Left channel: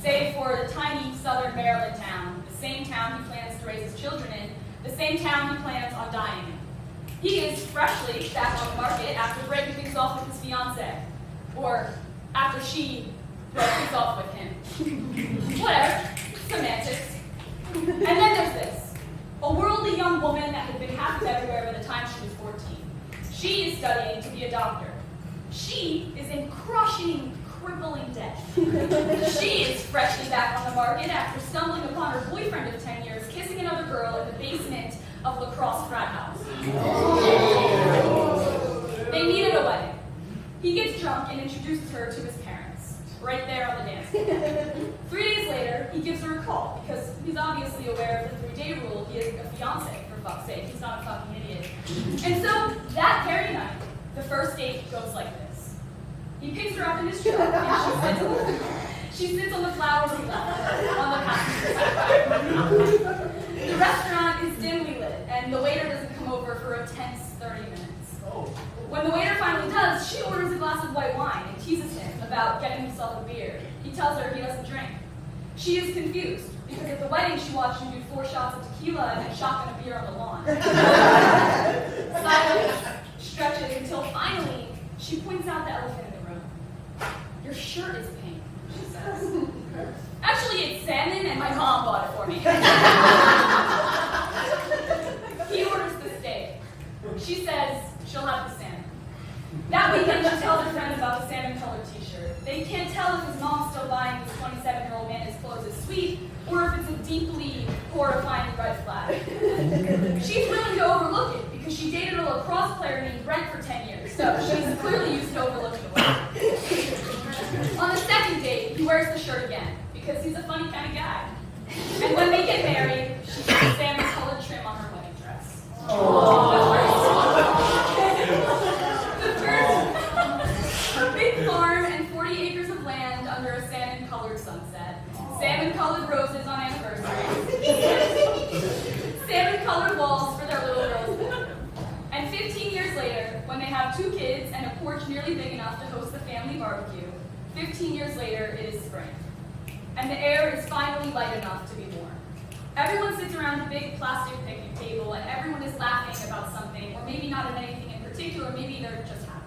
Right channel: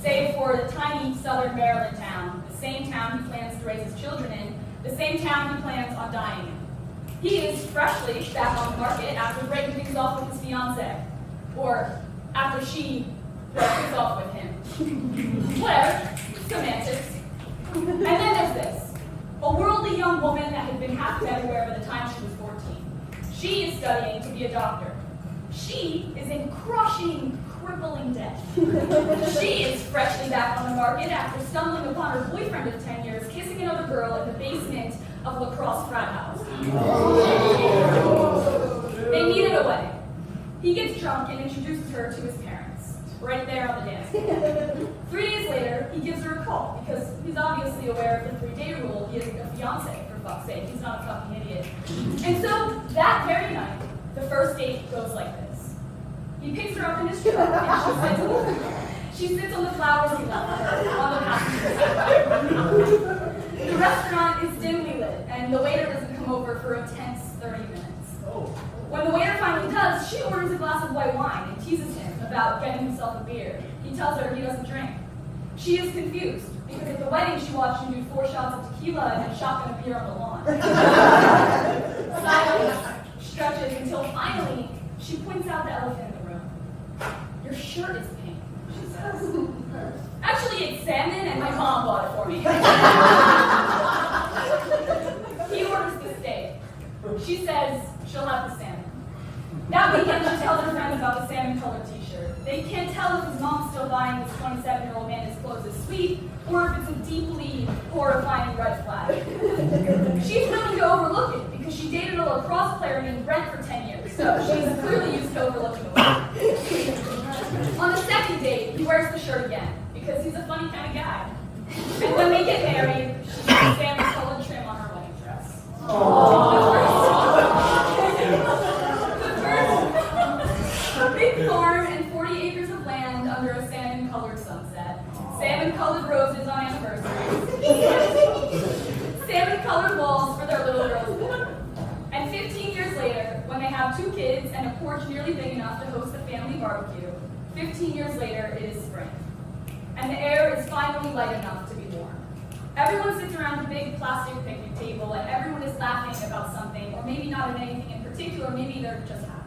save for the tiny southern Maryland town, the same town he plans to raise his children in, the same town he plans on dying in. He is freshly back on the market after breaking things off with his fiancée, or after she broke things off with him. Whatever, semantics. And then there's this, a worldly young woman that had been half everywhere by the time she was 14. She is studying to be a doctor. She is in crushing, crippling debt. She is freshly back on the market after stumbling upon her boyfriend of 10 years kissing another girl in the basement of La Crosse frat house. They meet at a wedding. He gets drunk and introduces her to his parents, right there on the dance floor. 3 days later, he gives her a call because he's obviously aware of the 3-day rule. He is a fiancé, for fuck's sake. He's not a fucking idiot. And so, that very night, the first date goes like this. He picks her up in his truck and she sits on the flowers he left on the passenger side. The restaurant is dimly lit, and the waiter doesn't come over for a tense 30 minutes. When the waiter finally does, she orders a glass of white wine and teases him about getting himself a beer. He tells her he doesn't drink. She is confused, because at the wedding she watched him do 4 shots of tequila and then shotgun a beer on the lawn. Silence stretches until finally she points out the elephant in the room. Your shirt is pink, she says. Actually, it's salmon and my mom bought it for me. He orders the steak. She says she'll have the salmon. That weekend she tells her friend about the salmon-colored t-shirt. They can't tell if his mom's still buying this 27-year-old man his clothes as sweet, or if it's a deeply horrifying red flag. She's willing to overlook it, because she dated a lacrosse player named Brent for 10 years, so she's clearly used to overlooking the world. On the second date, he wears the shirt again, because he's a funny kind of guy. And when they get married, she puts salmon-colored trim on her wedding dress. A big farm and 40 acres of land under a salmon-colored sunset. Salmon-colored roses on anniversaries. Salmon-colored walls for their little girls. And 15 years later, when they have 2 kids and a porch nearly big enough to host a family barbecue, 15 years later, it is spring. And the air is finally light enough to be warm. Everyone sits around a big plastic picnic table and everyone is laughing about something, or maybe not at anything in particular, maybe they're just happy.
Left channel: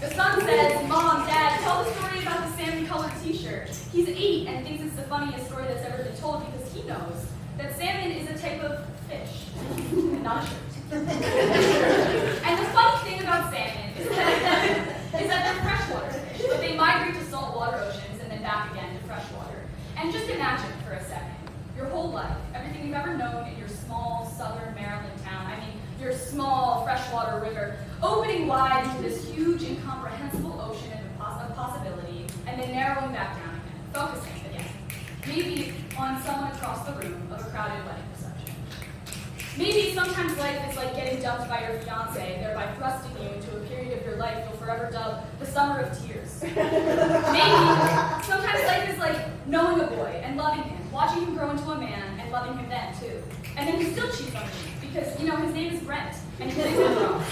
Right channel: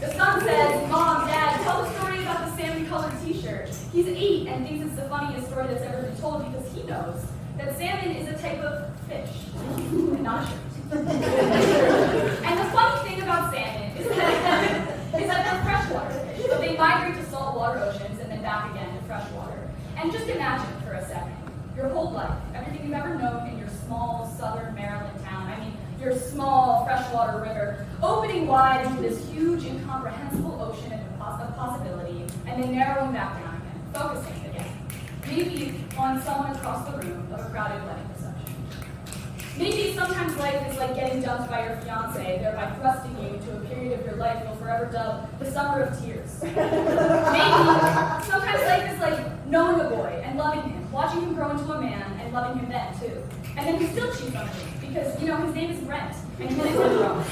The son says, Mom, Dad, tell the story about the salmon-colored t-shirt. He's 8 and thinks it's the funniest story that's ever been told because he knows that salmon is a type of fish, and not a shirt. And the funny thing about salmon is that they're freshwater fish, but they migrate to saltwater oceans and then back again to freshwater. And just imagine for a second, your whole life, everything you've ever known in your small southern Maryland town, your small freshwater river, opening wide into this huge incomprehensible ocean of possibility, and then narrowing back down again, focusing again, maybe on someone across the room of a crowded wedding reception. Maybe sometimes life is like getting dumped by your fiancé, thereby thrusting you into a period of your life you'll forever dub the summer of tears. Maybe sometimes life is like knowing a boy and loving him, watching him grow into a man and loving him then too. And then he still cheats on you because, his name is Brent and he's wrong.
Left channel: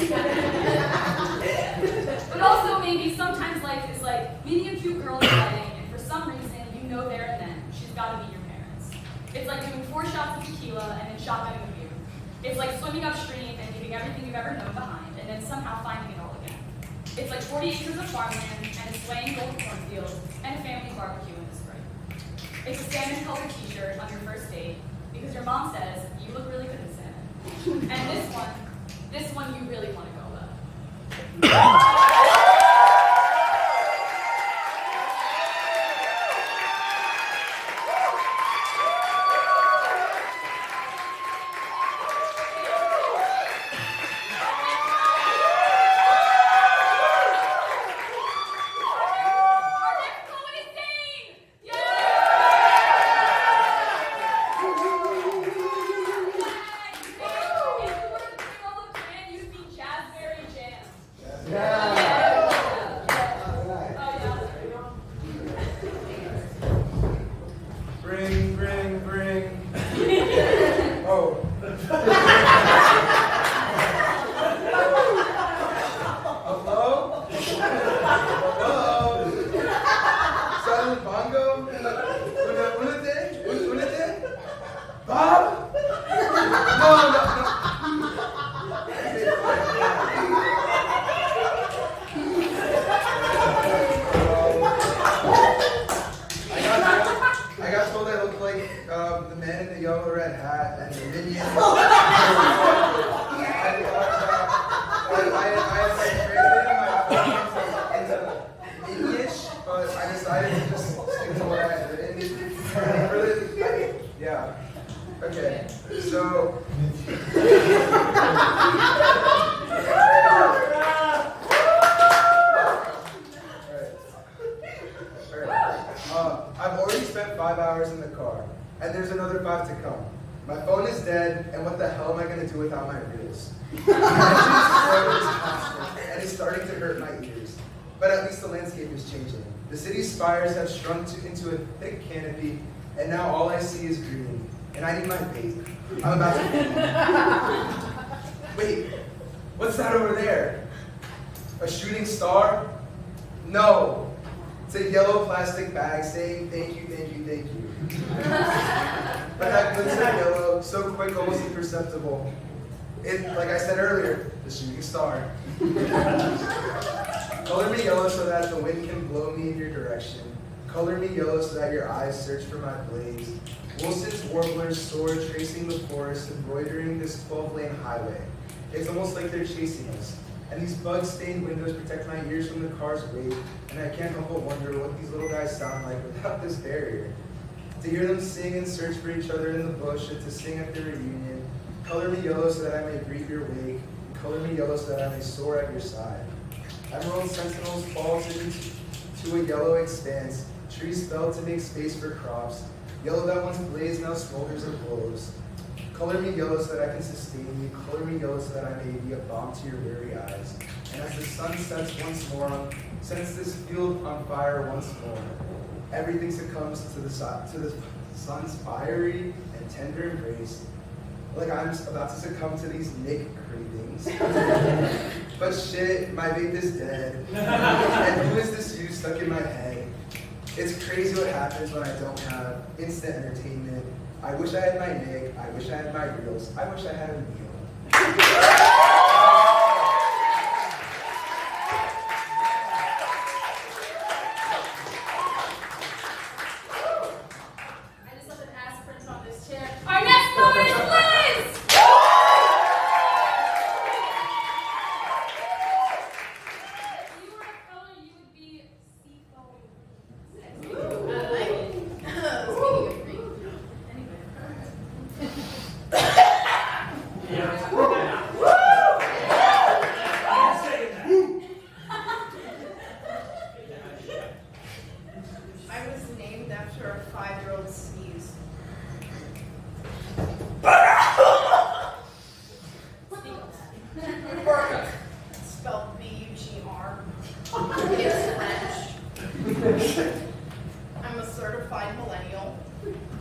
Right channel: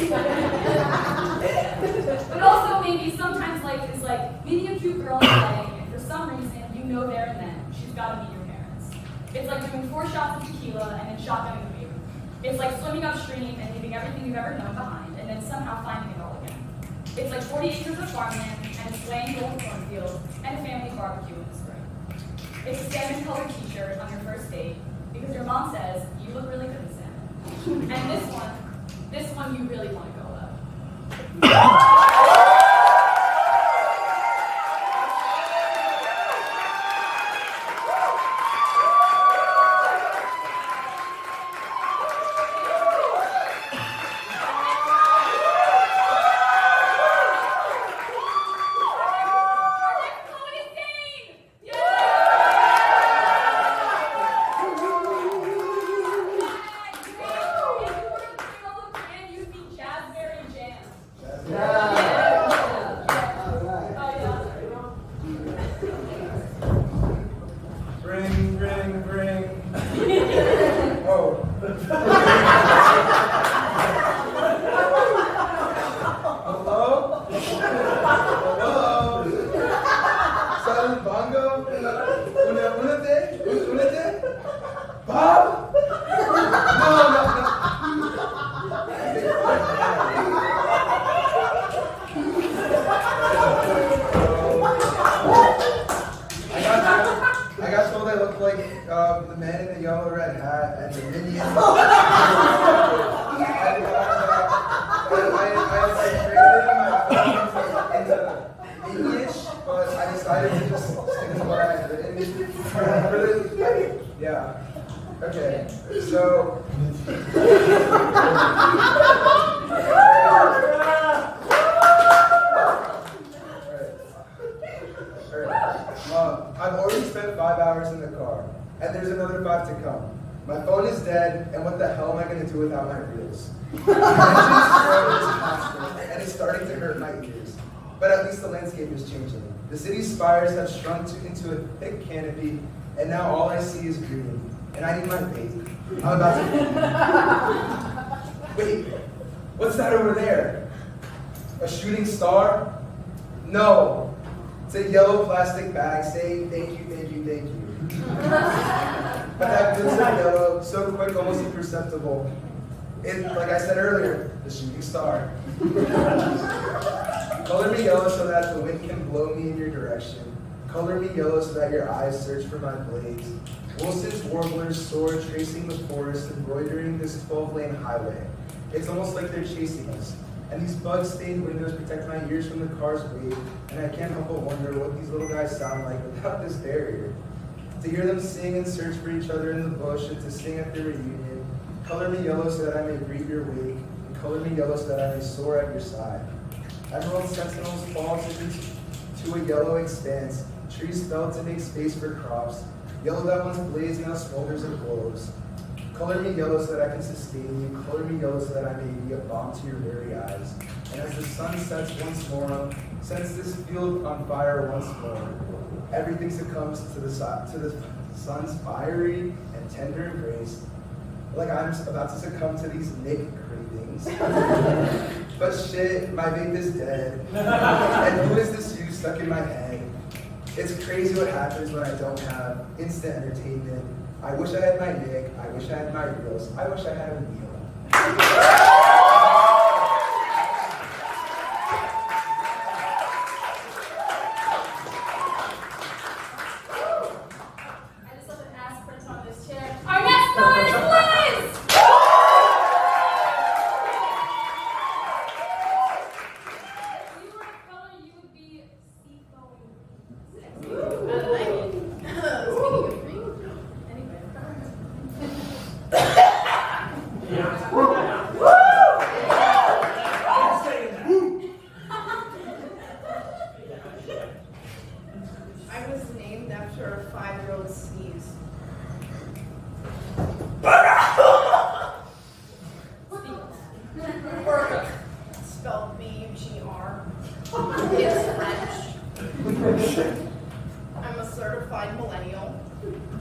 But also maybe sometimes life is like meeting a cute girl in a wedding and for some reason you know there and then she's got to meet your parents. It's like doing 4 shots of tequila and then shotgunning the view. It's like swimming upstream and leaving everything you've ever known behind and then somehow finding it all again. It's like 40 acres of farmland and a swaying golden cornfield and a family barbecue in the spring. It's a salmon-colored t-shirt on your first date because your mom says you look really good in salmon. And this one you really want to go about. Yeah. they look like the man in the yellow red hat and the minion. I had created my English, but I decided to just stick to what I had written. Yeah. Okay. So. I've already spent 5 hours in the car, and there's another 5 to come. My phone is dead, and what the hell am I going to do without my reels? And it's starting to hurt my ears. But at least the landscape is changing. The city's spires have shrunk into a thick canopy, and now all I see is green. And I need my bait. I'm about to... Wait, what's that over there? A shooting star? No. It's a yellow plastic bag saying thank you, thank you, thank you. But that glitter yellow, so quick, almost imperceptible. It's, like I said earlier, the shooting star. Color me yellow so that the wind can blow me in your direction. Color me yellow so that your eyes search for my blades. Wilson's warblers soar, tracing the forest, embroidering this 12-lane highway. It's almost like they're chasing us. And these bug-stained windows protect my ears from the car's weight, and I can't help but wonder what these little guys sound like without this barrier. To hear them sing and search for each other in the bush, and to sing at their reunion. Color me yellow so that I may greet your wake, and color me yellow so that I may soar at your side. Emerald sentinels fall to a yellow expanse, trees fell to make space for crops. Yellow that once blazed now smolders and glows. Color me yellow so that I can sustain you. Color me yellow so that I may be a balm to your weary eyes. And as the sun sets once more, sets this field on fire once more, everything succumbs to the sun's fiery and tender embrace, like I'm about to succumb to these naked cravings. But shit, my vape is dead. And who is this you stuck in my head? It's crazy what happens when I don't have instant entertainment. I wish I had my Nick, I wish I had my reels, I wish I had a meal. I just love an ass print on this chair. Our next poet is Liz! If you were a color, you would be seafoam. I like it. Speaking of green. Anyway. I was named after a 5-year-old sneeze. Spelled B-U-G-R. It's French. I'm a certified millennial.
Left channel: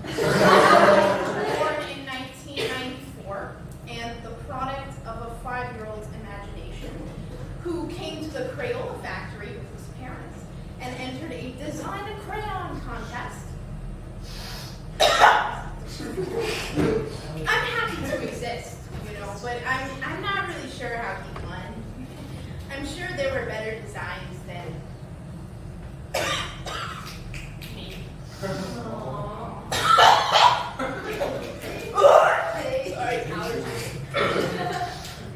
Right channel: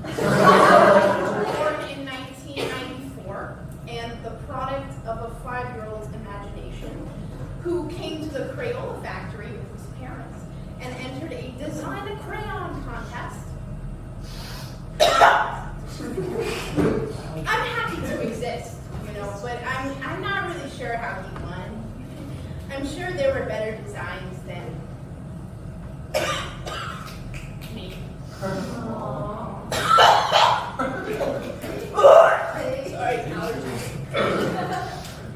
Born in 1994, and the product of a 5-year-old's imagination who came to the Crayola factory with his parents and entered a design a crayon contest. I'm happy to exist, but I'm not really sure how he won. I'm sure there were better designs than me. Sorry, allergies.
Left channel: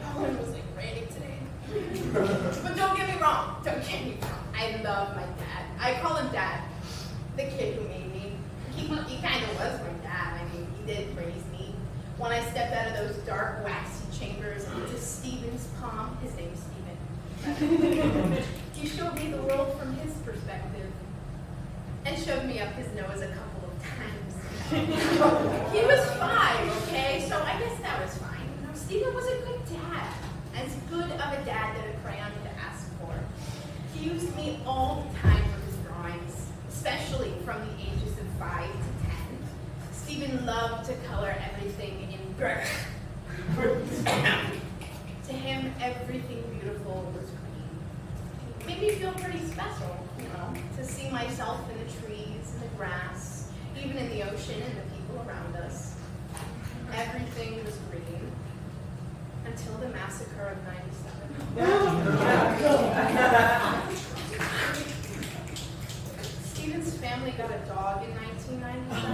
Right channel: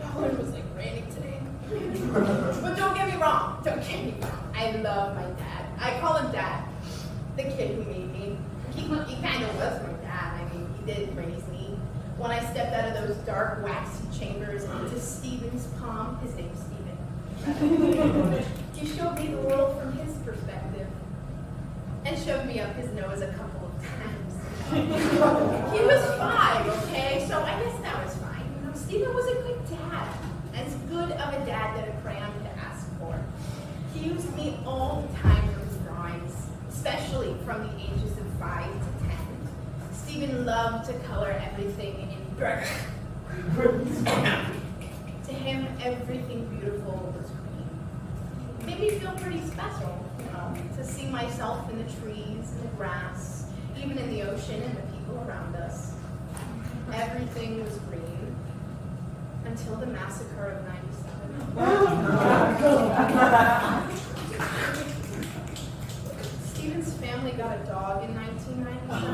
Helen was like raining today. But don't get me wrong. I love my dad. I call him Dad. The kid who made me. He kind of was my dad. I mean, he did raise me. When I stepped out of those dark, waxy chambers into Stephen's palm, his name is Stephen. He showed me the world from his perspective and shoved me up his nose a couple of times. He was 5, okay? So I guess that was fine. Stephen was a good dad. As good of a dad that a crayon could ask for. He used me all the time for his drawings, especially from the ages of 5 to 10. Stephen loved to color everything in black. To him, everything beautiful was green. It made me feel pretty special, to see myself in the trees and the grass, even in the ocean and the people around us. Everything was green until the massacre of 97. Stephen's family got a dog in 1997.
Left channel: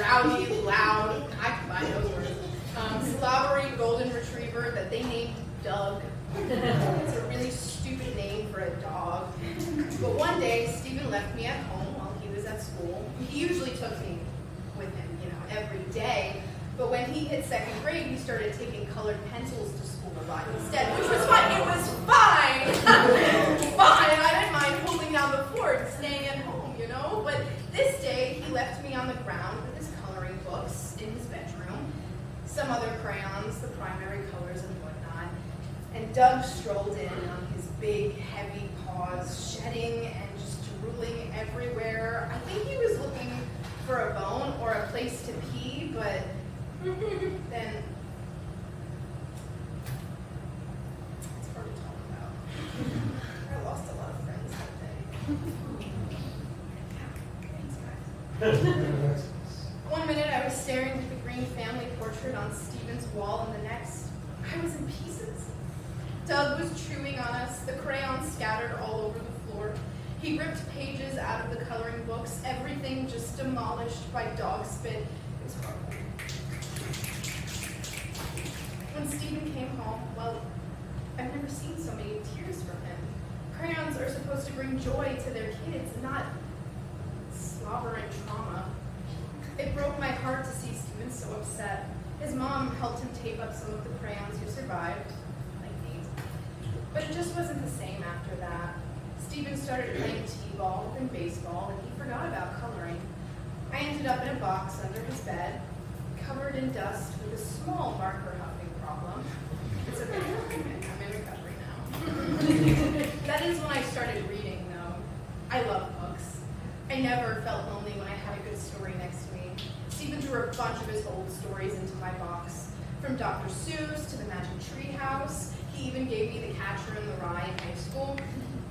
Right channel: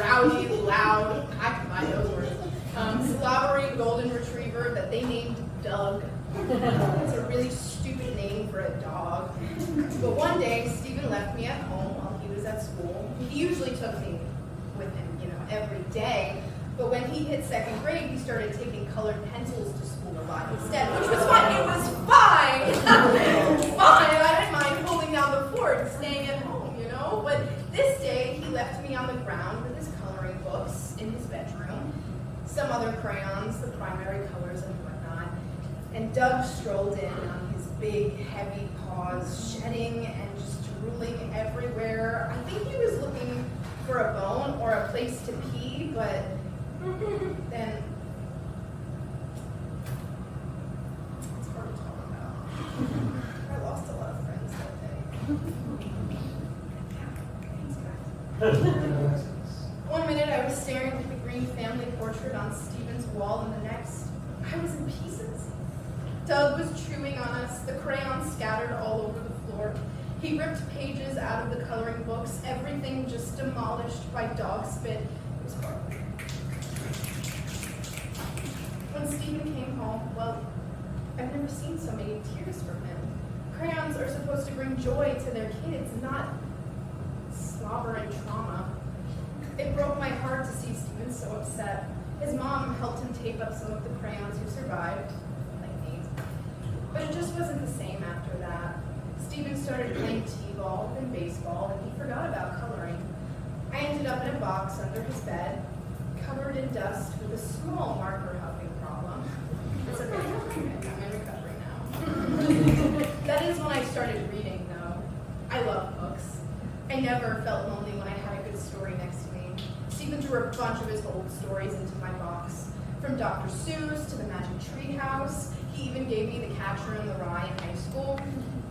rowdy, loud, I can buy those words, slobbery golden retriever that they named Doug. It's a really stupid name for a dog. But one day, Stephen left me at home while he was at school. He usually took me with him, every day. But when he hit second grade, he started taking colored pencils to school a lot instead, which was fine. It was fine. Fine. I didn't mind pulling down the fort and staying at home, But this day, he left me on the ground with his coloring books in his bedroom, some other crayons, the primary colors and whatnot. And Doug strolled in on his big, heavy paws, shedding and just drooling everywhere. I think he was looking for a bone or a place to pee, but then it's hard to talk about. I lost a lot of friends that day. Thanks, guys. One minute I was staring at the green family portrait on Stephen's wall, and the next I was in pieces. Doug was chewing on us, the crayons scattered all over the floor. He ripped pages out of the coloring books, everything just demolished by dog spit. It was horrible. When Stephen came home, well, I've never seen so many tears from him. Crayons are supposed to bring joy to their kids, not slobber and trauma. It broke my heart to see Stephen so upset. His mom helped him tape up some of the crayons who survived, like me. But it just wasn't the same after that. Stephen started playing t-ball and baseball, and he forgot about coloring. I ended up in a box under his bed, covered in dust with a small marker huffing problem. It's okay, I'm in recovery now. That is when I started reading, though. I love books. I never felt lonely when I had a good story next to me. Stephen drew a bunch of his old stories into my box. From Dr. Seuss to the Magic Tree House. He even gave me The Catcher in the Rye in high school.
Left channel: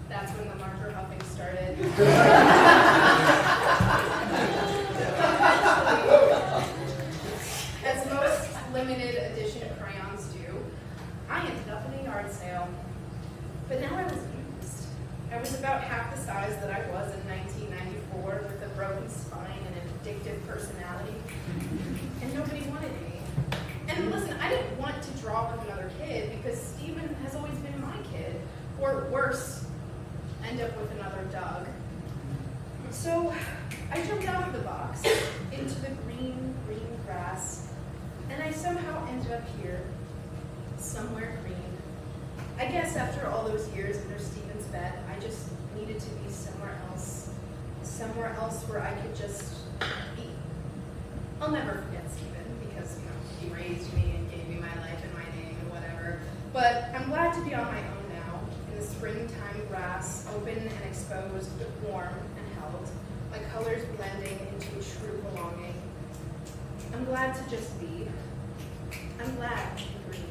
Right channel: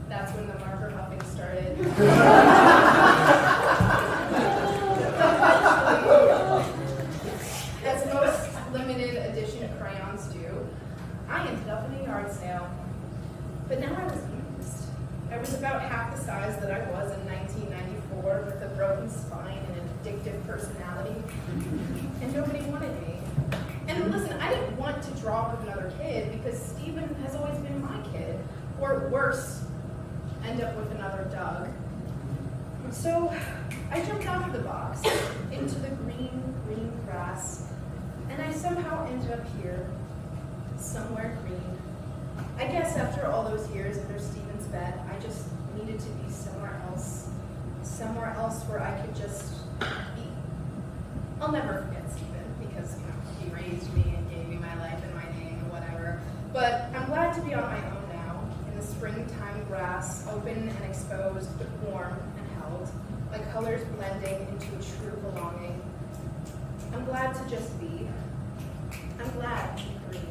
That's when the marker huffing started. As most limited edition crayons do, I ended up in a yard sale. But now I was used. I was about half the size that I was in 1994 with a broken spine and an addictive personality. And nobody wanted me. And listen, I didn't want to draw with another kid because Stephen has always been my kid. Or worse, end up with another Doug. So I jumped out of the box into the green grass, and I somehow ended up here, somewhere green. I guess after all those years under Stephen's bed, I just needed to be somewhere else where I could just be. I'll never forget Stephen because, he raised me and gave me my life and my name and whatever. But I'm glad to be on my own now, in the springtime grass, open and exposed, but warm and held, my colors blending into a true belonging. I'm glad to just be. I'm glad to be green.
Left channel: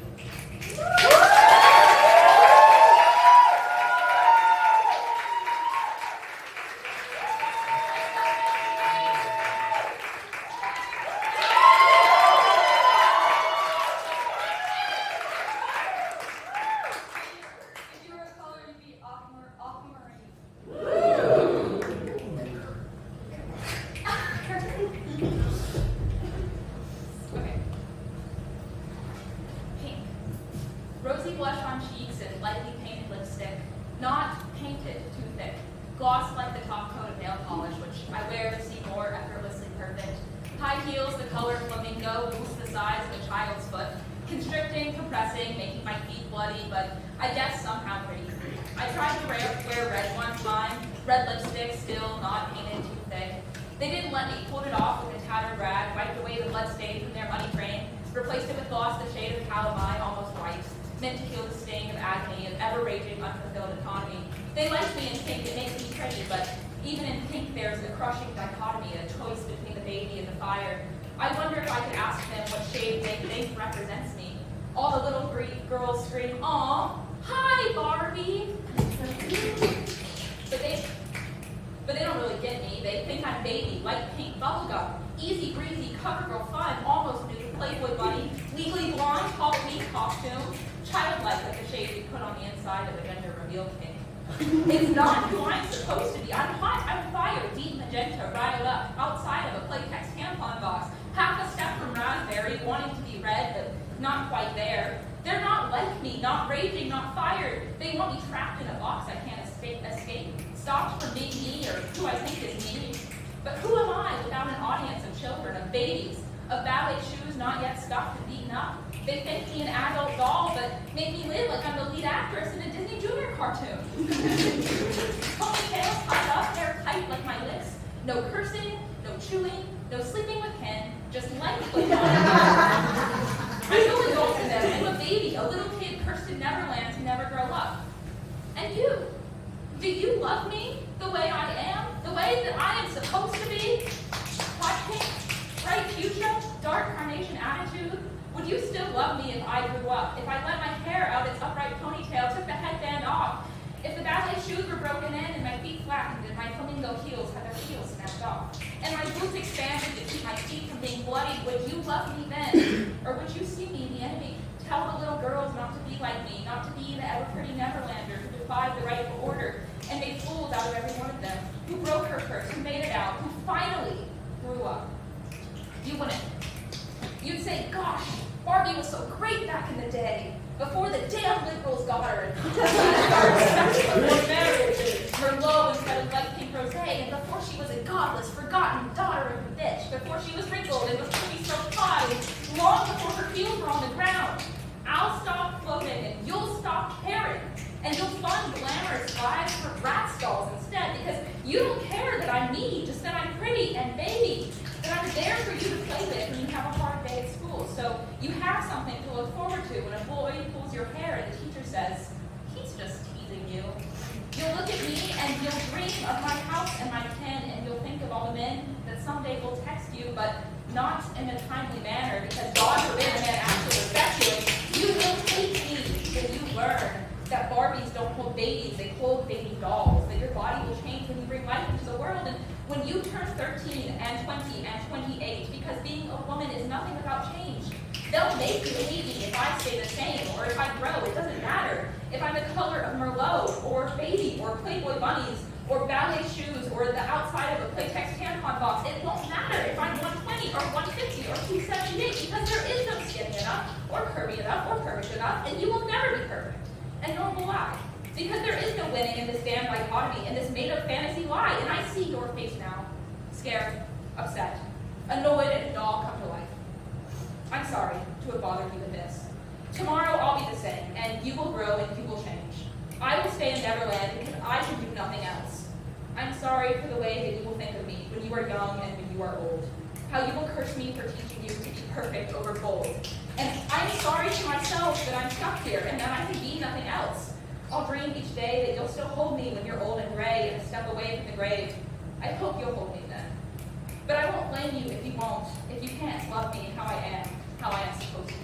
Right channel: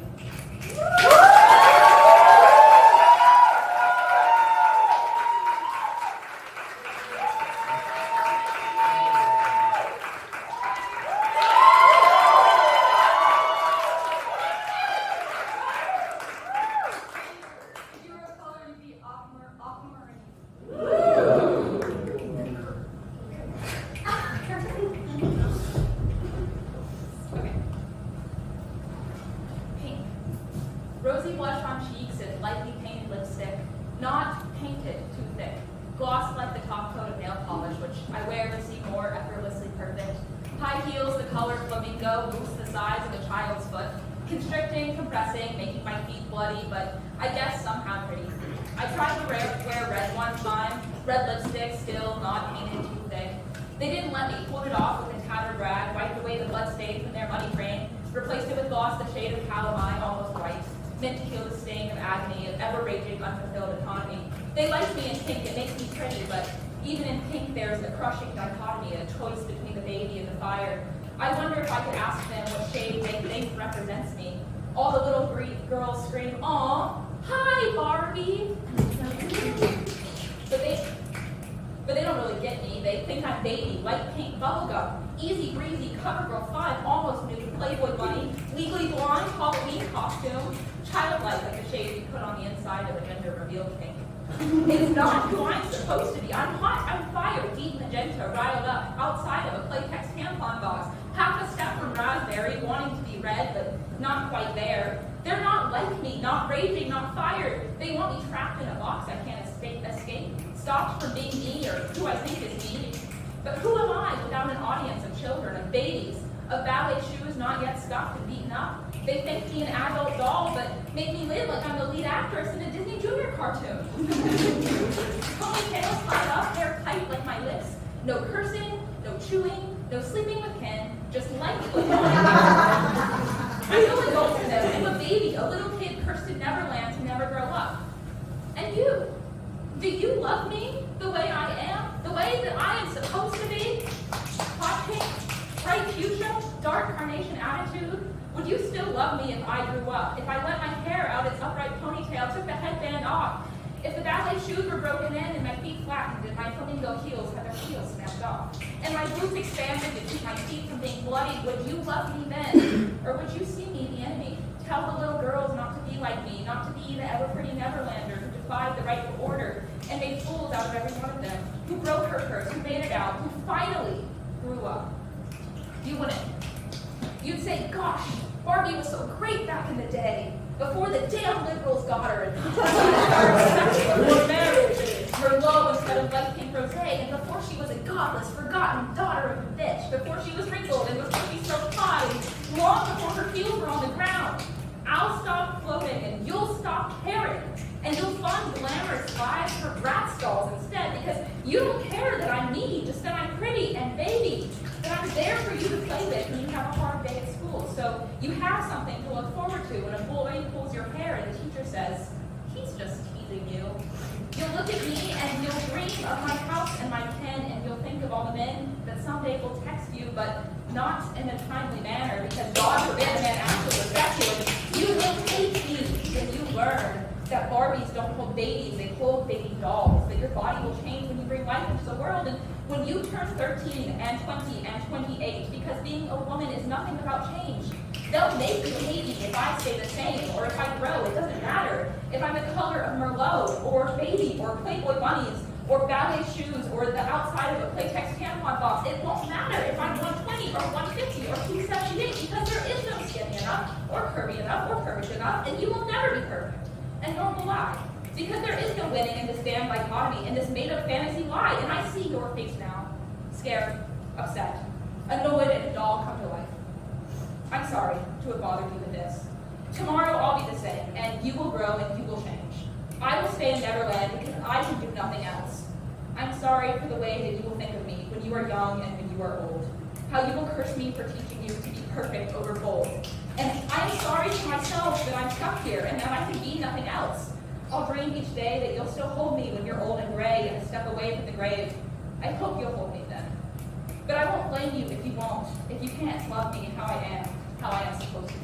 Rosy blush on cheeks and lightly painted lipstick, not painted too thick. Gloss like the top coat of nail polish, which I wear to seem more effortlessly perfect. High heels, the color flamingo, boots the size of a child's foot. Constricting, compressing, making my feet bloody, but I guess somehow pretty. I tried to wear red one time, red lipstick, still not painted too thick. They didn't let me, pulled it off with a tattered rag, wiped away the blood stain from their muddy frame, replaced it with gloss the shade of how am I, almost white, meant to kill the sting of agony of ever-raging, unfulfilled autonomy. They like me in pink, it makes me pretty, but even in pink there's a crushing dichotomy, a choice between the baby and the fire. I wonder if I could ask them what shade they think represents me. All the little girls scream, "Aw, hi, Barbie!" But they don't really get me. They think I'm baby, light pink, bubblegum, easy breezy, cover girl fun, almost nude, Playboy bunny, legally blonde, Halloween costume, childlike like the shade you put on the inside of a gender reveal cake. It's not who I'm supposed to be. I'm hot, I'm fire, deep magenta, riled up, outside of a Playtex tampon box, be read, but not quite there. They're not like me, not raging, not fired. They want me trapped in a box I can't escape, stopped from being me or who I think is me. But who am I without an audience of children, of babies, of ballet shoes not yet stuffed and beaten up? They think me an adult doll, but make me live like I'm the lead actress in a Disney Junior cartoon. Ponytails tied up, hair tight like my lips. No cursing, no chewing, no sleeping with Ken, just light with one. I'm no adult to them. I'm a baby, a little kid cursed in Neverland to never grow up. And you, do you love me the way I am? The way that I am supposed to be? Hot pink, bright fuchsia, dark carnation attitude? Would you still love me if I grew up? If I let my hair out its upright ponytail, took the headband off? If the ballet shoes were broken in and my feet flattened and my flamingo heels had their heels snapped off, and my boots expanded to keep my feet from being bloody, would you love me then? Or would you see me, the enemy, tell the little girls not to be like me, not to be the ever-pretty Neverlander who defied the rightful order and made fools out of every one of them, who broke her curse, who made it out, who finally grew up? You wouldn't. You'd say, gosh, Barbie was so great back in the day, before the damn liberals got her, and before marriage, and Merlot instead of light pink rosé, and before she was a godless, forgotten daughter of a bitch, before she was wrinkled and was cookie so hot, and long before her heels were on the ground. I'll stop floating, and you'll stop caring, and you'll fund glamorous lives for rat stalls instead, because you don't care that I'm me, just that I'm pretty and baby, that I'm there for you to play with when you have a hard day at school. So you have something to look forward to when a boy pulls your hair and the teacher says, he's just teasing you. You'll look at me and you'll dream of my house and my pen, and you'll think of all the men that someday will text you, but not in a timely manner, because God forbid a man actually respect you. And you will hate me when you learn that Barbies don't hold babies, they hold baby dolls, that your body will change when you bring life into the world, and when you turn 13 and 20 and 28, because being a woman is nothing about change. They'll make you hate me if I stay the same, or if I grow, it doesn't matter. If I'm the color of Merlot, or baby, or Playboy bunnies, or ballet shoes, or the outside of a Playtex tampon box, it won't matter if I'm 120 or 150 or 278, because there is no skinny enough, or curvy enough, or curved enough, and you will never be perfect. And nor will I. Because there is no winning in this damn dichotomy, in this made-up fantasy lie, and I see your face now. Scared, upset, annoyed at a doll come to life. I'm sorry to have bothered you with this. Tomorrow I'll be the same, and you will grow and you will change. I will stay in Neverland because I can do nothing else. I'm sorry for the way that you will think of me when you are young and when you are old. How you will curse me for teaching you to be perfect over bold. And I am sorry to myself that I'm stuck here and that I can be nothing else. I'll dream each day that you'll still hold me when you're old and gray and a step away from the grave. I hope you'll hold me then. But I won't blame you if you won't, if you can't love me how I am supposed to be.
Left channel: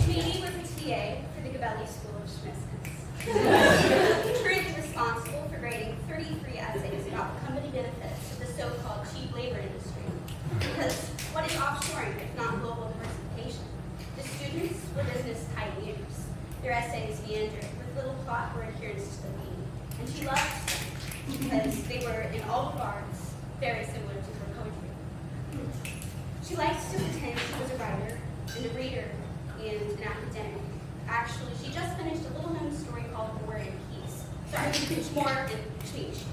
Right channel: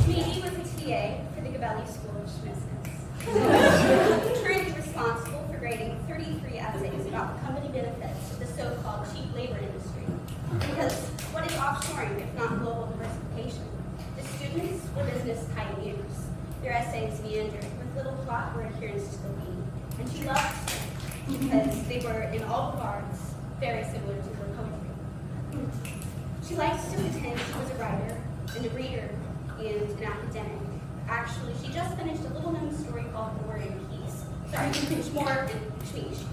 Schmeedy was a TA for the Gabelli School of Schmiskus. Currently responsible for grading 33 essays about the company benefits of the so-called cheap labor industry. Because what is offshoring if not global diversification? The students were business pioneers. Their essays meandered with little plot or adherence to the theme. And she loved them because they were, in all regards, very similar to her poetry. She likes to pretend she was a writer and a reader and an academic. Actually, she just finished a little-known story called The Word and Peace. Sorry, Schmore and Schmeech.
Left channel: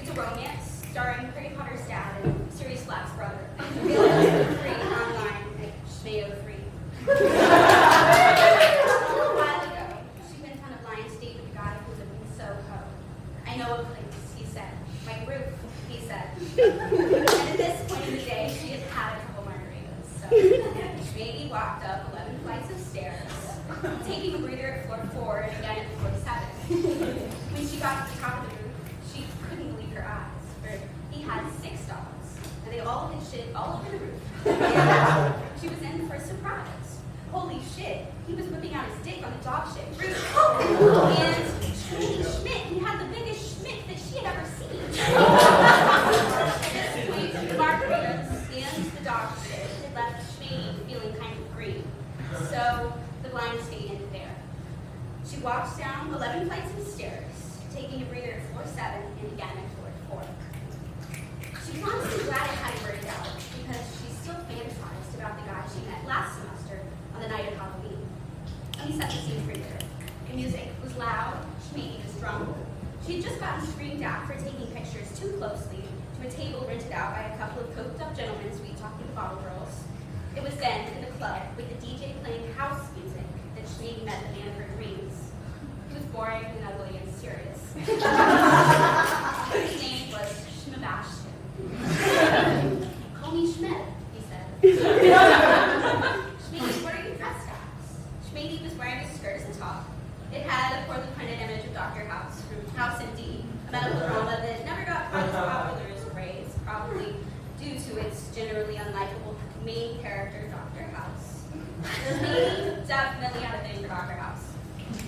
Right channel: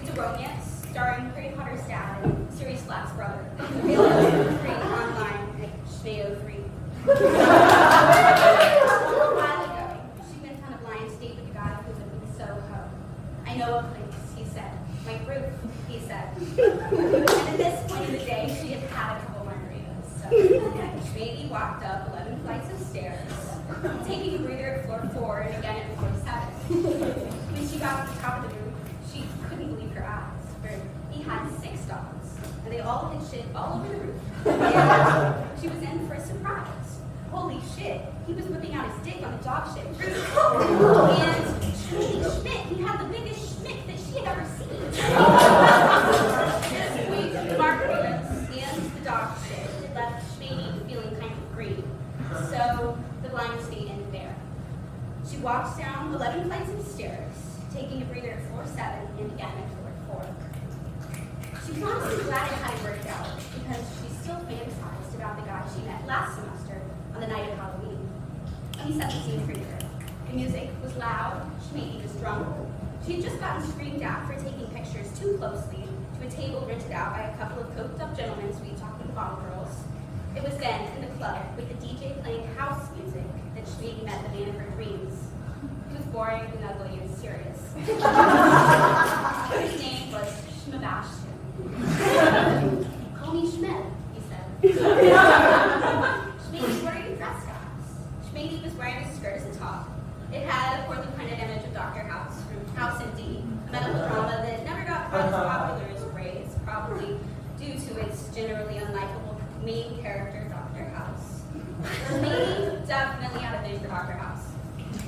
It's a romance starring Harry Potter's dad and Sirius Black's brother. Available for free online at Shmayo3. A little while ago, she went on a blind date with a guy who lived in Soho. I know a place, he said. My roof, he said. And at this point in the day, she had had a couple margaritas. So Shmady walked up 11 flights of stairs, taking a breather at floor 4 and again at floor 7. When she got to the top of the roof, she couldn't believe her eyes, for he had 6 dogs, and they all had shit all over the roof. And she was in for a surprise. Holy shit, he was whipping out his dick on the dog shit roof. And Schmidt, he had the biggest Schmidt that she had ever seen. The weight of the margaritas and the dog shit had left Schmady feeling kind of green. So the blind date ended there. She walked down 11 flights of stairs, taking a breather at floor 7 and again at floor 4. She was honestly glad it hadn't worked out because she still fantasized about the guy she met last semester on the night of Halloween. Let me set the scene for you. The music was loud, Shmady was drunk. She had just gotten screamed at for taking pictures too closely to a table rented out by a couple of coked-up gentlemen sweet-talking the bottle girls. It was then, in the club, with the DJ playing house music, that Shmady met the man of her dreams. He was boring and ugly and serious. His name was Schmabashton. Call me Schmed, he said. Schmady, what are you dressed as? Schmady was wearing a skirt as a top. It had a poorly printed image of Dr. House from House MD, a medical drama that never got quite as popular as Grey's, probably due to its generally unlikable main character, Dr. House. Schmady definitely had a thing for Dr. House.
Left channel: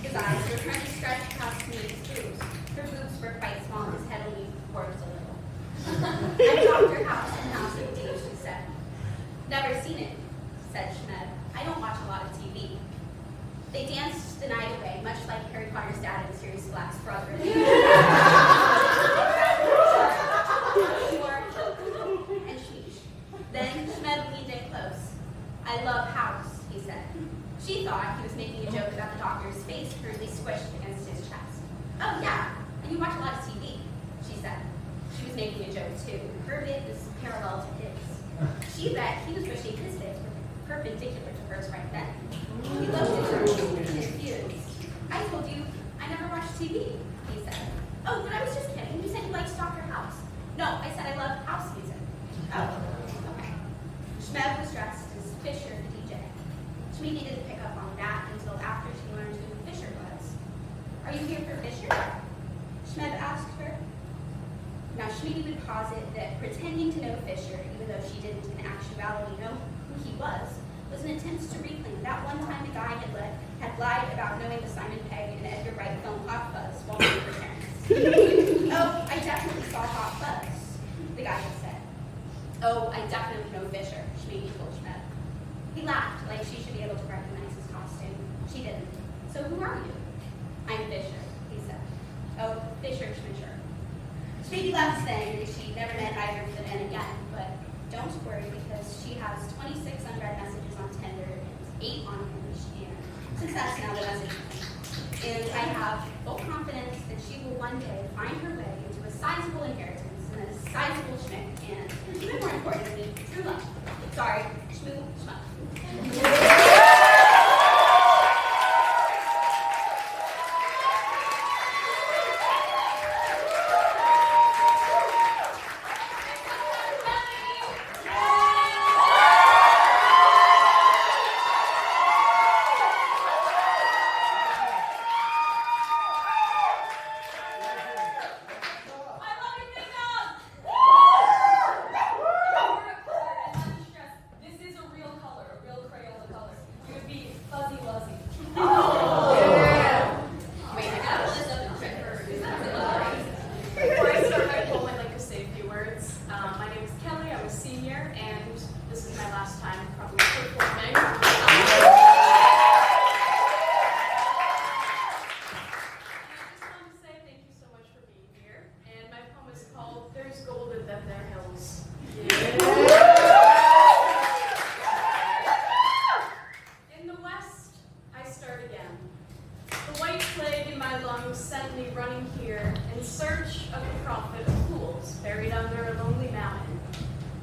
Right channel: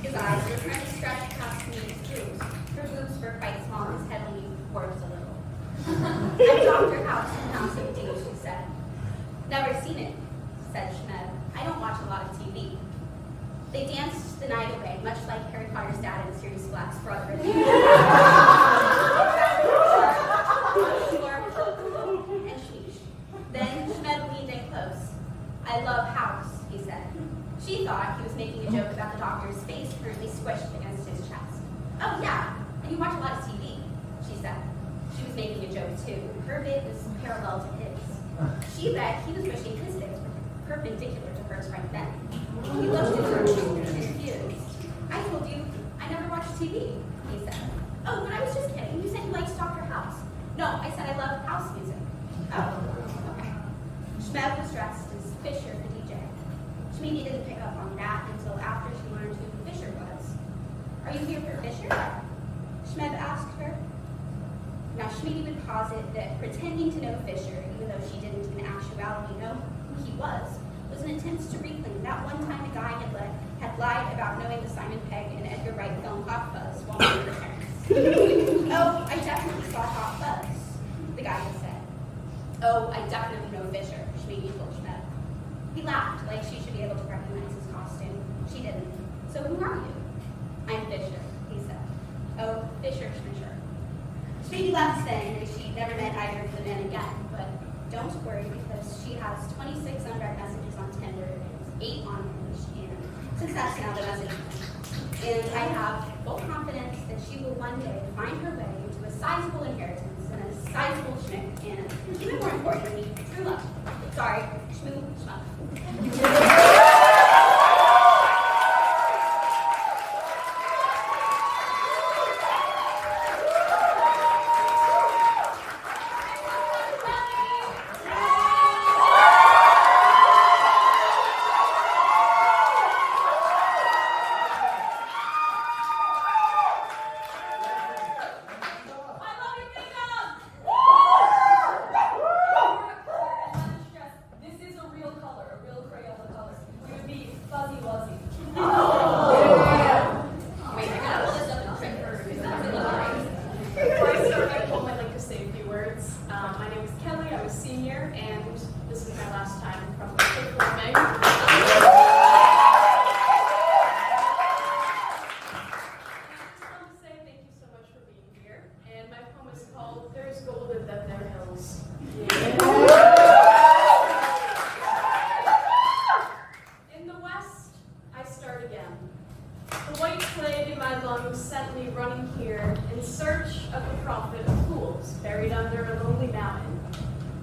His eyes were trying to stretch past Schmady's boobs. Her boobs were quite small and his head only worked a little. I'm Dr. House from House MD, she said. Never seen it, said Schmed. I don't watch a lot of TV. They danced the night away, much like Harry Potter's dad and Sirius Black's brother. And sheesh. Then Schmed leaned in close. I love House, he said. She thought he was making a joke about the doctor's face currently squished against his chest. Oh yeah, and you watch a lot of TV, she said. She was making a joke too. Her bit was parallel to his. She bet he was wishing his bits were perpendicular to hers right then. He looked at her and confused. I told you I never watched TV, he said. Oh, but I was just kidding. You said you liked Dr. House. No, I said I love house music. Oh, okay. Schmed was dressed as Fisher, the DJ. Shmady didn't pick up on that until after she learned who Fisher was. Are you here for Fisher? Schmed asked her. Now, Shmady would posit that pretending to know Fisher, even though she didn't in actuality know who he was an attempt to reclaim that one time the guy had lied about knowing the Simon Pegg and Edgar Wright film Hot Fuzz while we were parents. Oh, I definitely saw Hot Fuzz, the guy had said. Oh, I definitely know Fisher, Shmady told Schmed. He laughed like she should be able to recognize his costume. She didn't. So who are you? I'm Fisher, he said. Oh, Fisher Schmisher. Shmady left then, and she never met either of the men again, but don't worry because she has 26 unread messages on Tinder and 8 on Hinge, and since that's now the message, and I have full confidence that she will one day find her way into a sizable inheritance and a sizable schmick, and even more importantly, true love. Sorry, schmoo, schmuck. plague in my lungs sent me running here in search of the prophet of fools buried under a lonely mountain.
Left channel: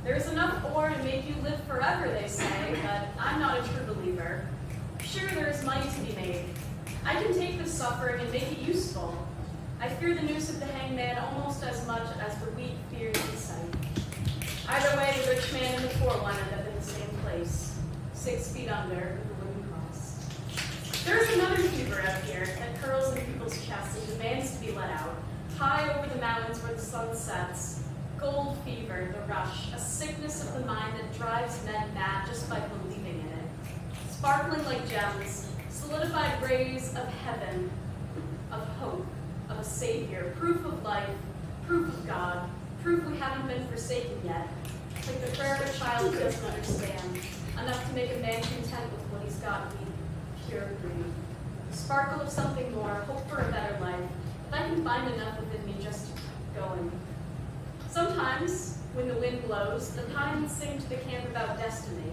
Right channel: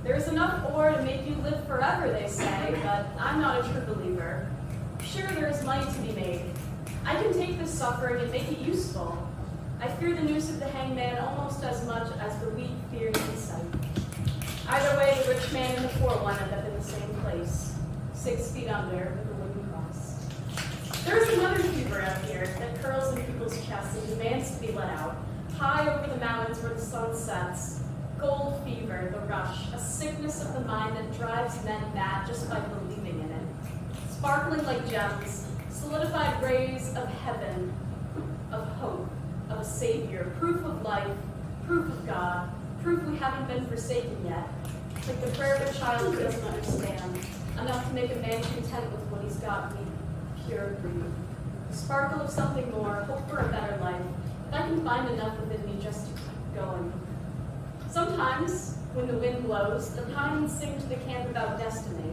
There's enough ore to make you live forever, they say, but I'm not a true believer. Sure, there is money to be made. I can take this suffering and make it useful. I fear the noose of the hangman almost as much as the weak fear his sight. Either way, the rich man and the poor one end up in the same place, 6 feet under with a wooden cross. There's another fever out here that curls in people's chests and demands to be let out, high over the mountains where the sun sets. Gold fever, the rush, a sickness of the mind that drives men mad just by believing in it. Sparkling like gems, solidified rays of heaven, of hope, of a savior, proof of life, proof of God, proof we haven't been forsaken yet. Like the prayer of a child who doesn't understand, enough to make a man content with what he's got weak, pure greed. The sparkle of something more, hope for a better life, if I can find enough within me just to keep going. Sometimes, when the wind blows, the pines sing to the camp about destiny.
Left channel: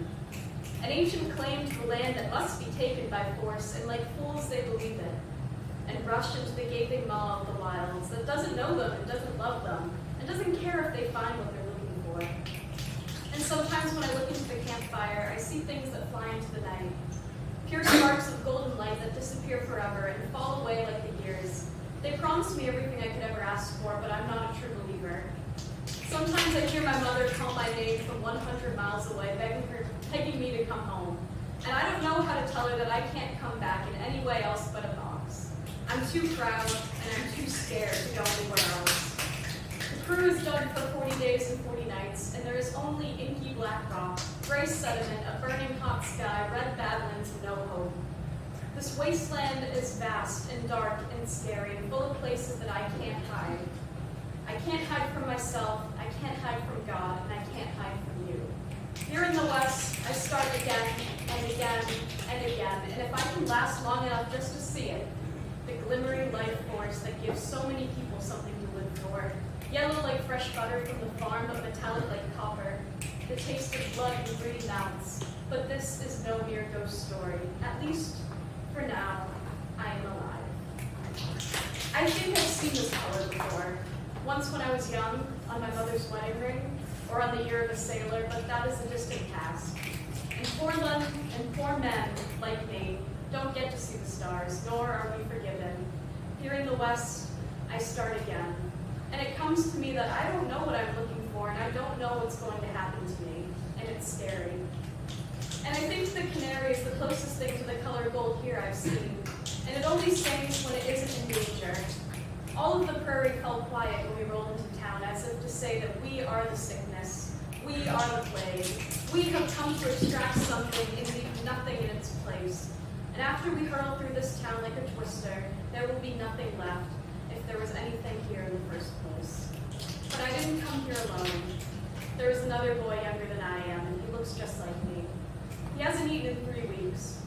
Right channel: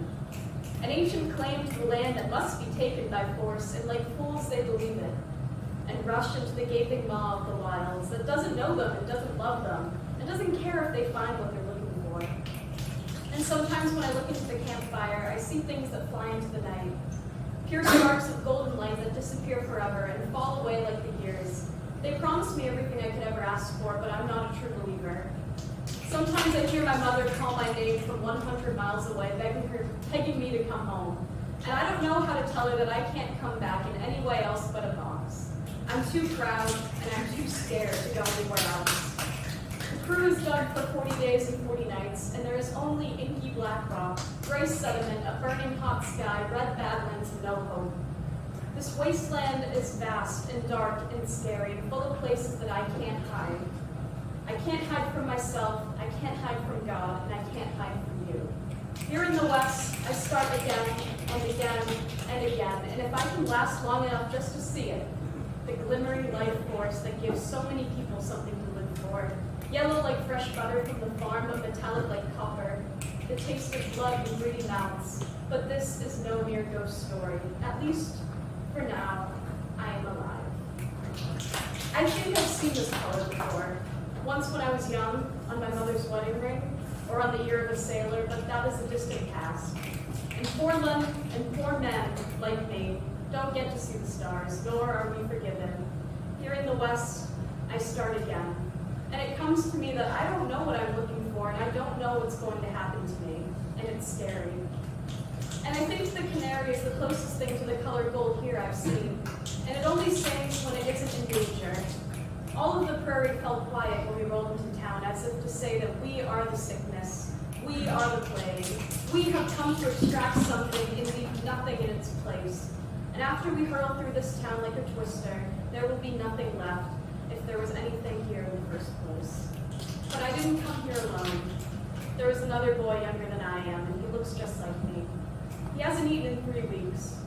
An ancient claim to the land that must be taken by force, and like fools they believe it, and rush into the gaping maw of the wilds that doesn't know them and doesn't love them, and doesn't care if they find what they're looking for. And sometimes when I look into the campfire, I see things that fly into the night, pure sparks of golden light that disappear forever and fall away like the years. They promise me everything I could ever ask for, but I'm not a true believer. Sometimes I hear my mother call my name from 100 miles away, begging me to come home. And I don't know how to tell her that I can't come back in any way else but a box. I'm too proud and I'm too scared to go anywhere else. The crew is dug for 40 days and 40 nights, and there is only inky black rock, gray sediment, a burning hot sky, red badlands, and no hope. This wasteland is vast and dark and scary, full of places that I can't hide. I can't hide from myself, I can't hide from God, and I can't hide from you. Here in the West, I start again and again and again, and if I can last long enough just to see it, the glimmering life force that gives so many people something to live for, yellow like fresh butter from the farm, but metallic like copper, the taste of blood in greedy mouths. But this is no mere ghost story. At least, for now, I am alive. I think I've seen this color before. Once when I was young, on my mother's wedding ring, or on the year of a sailor, but that is a distant past. And poor men, like me, don't get to see the stars, nor are we forgiven. Here in the West, I start again. And it comes to me that I don't know what I'm looking for, and I don't know what's going to happen to me, and it's scary. And I think the canary is the closest thing to the color gold here I've seen, and it only sings when it isn't in danger. All of the prairie felt quiet when we rolled into town, as if to say that we are the sickness, we are the plague. We have come to extract something and leave nothing in its place. And after we hurl through this town like a twister, there will be nothing left, if there was anything here in the first place. But I didn't come here alone. There is another boy younger than I am, and he looks just like me. He hasn't eaten in 3 weeks.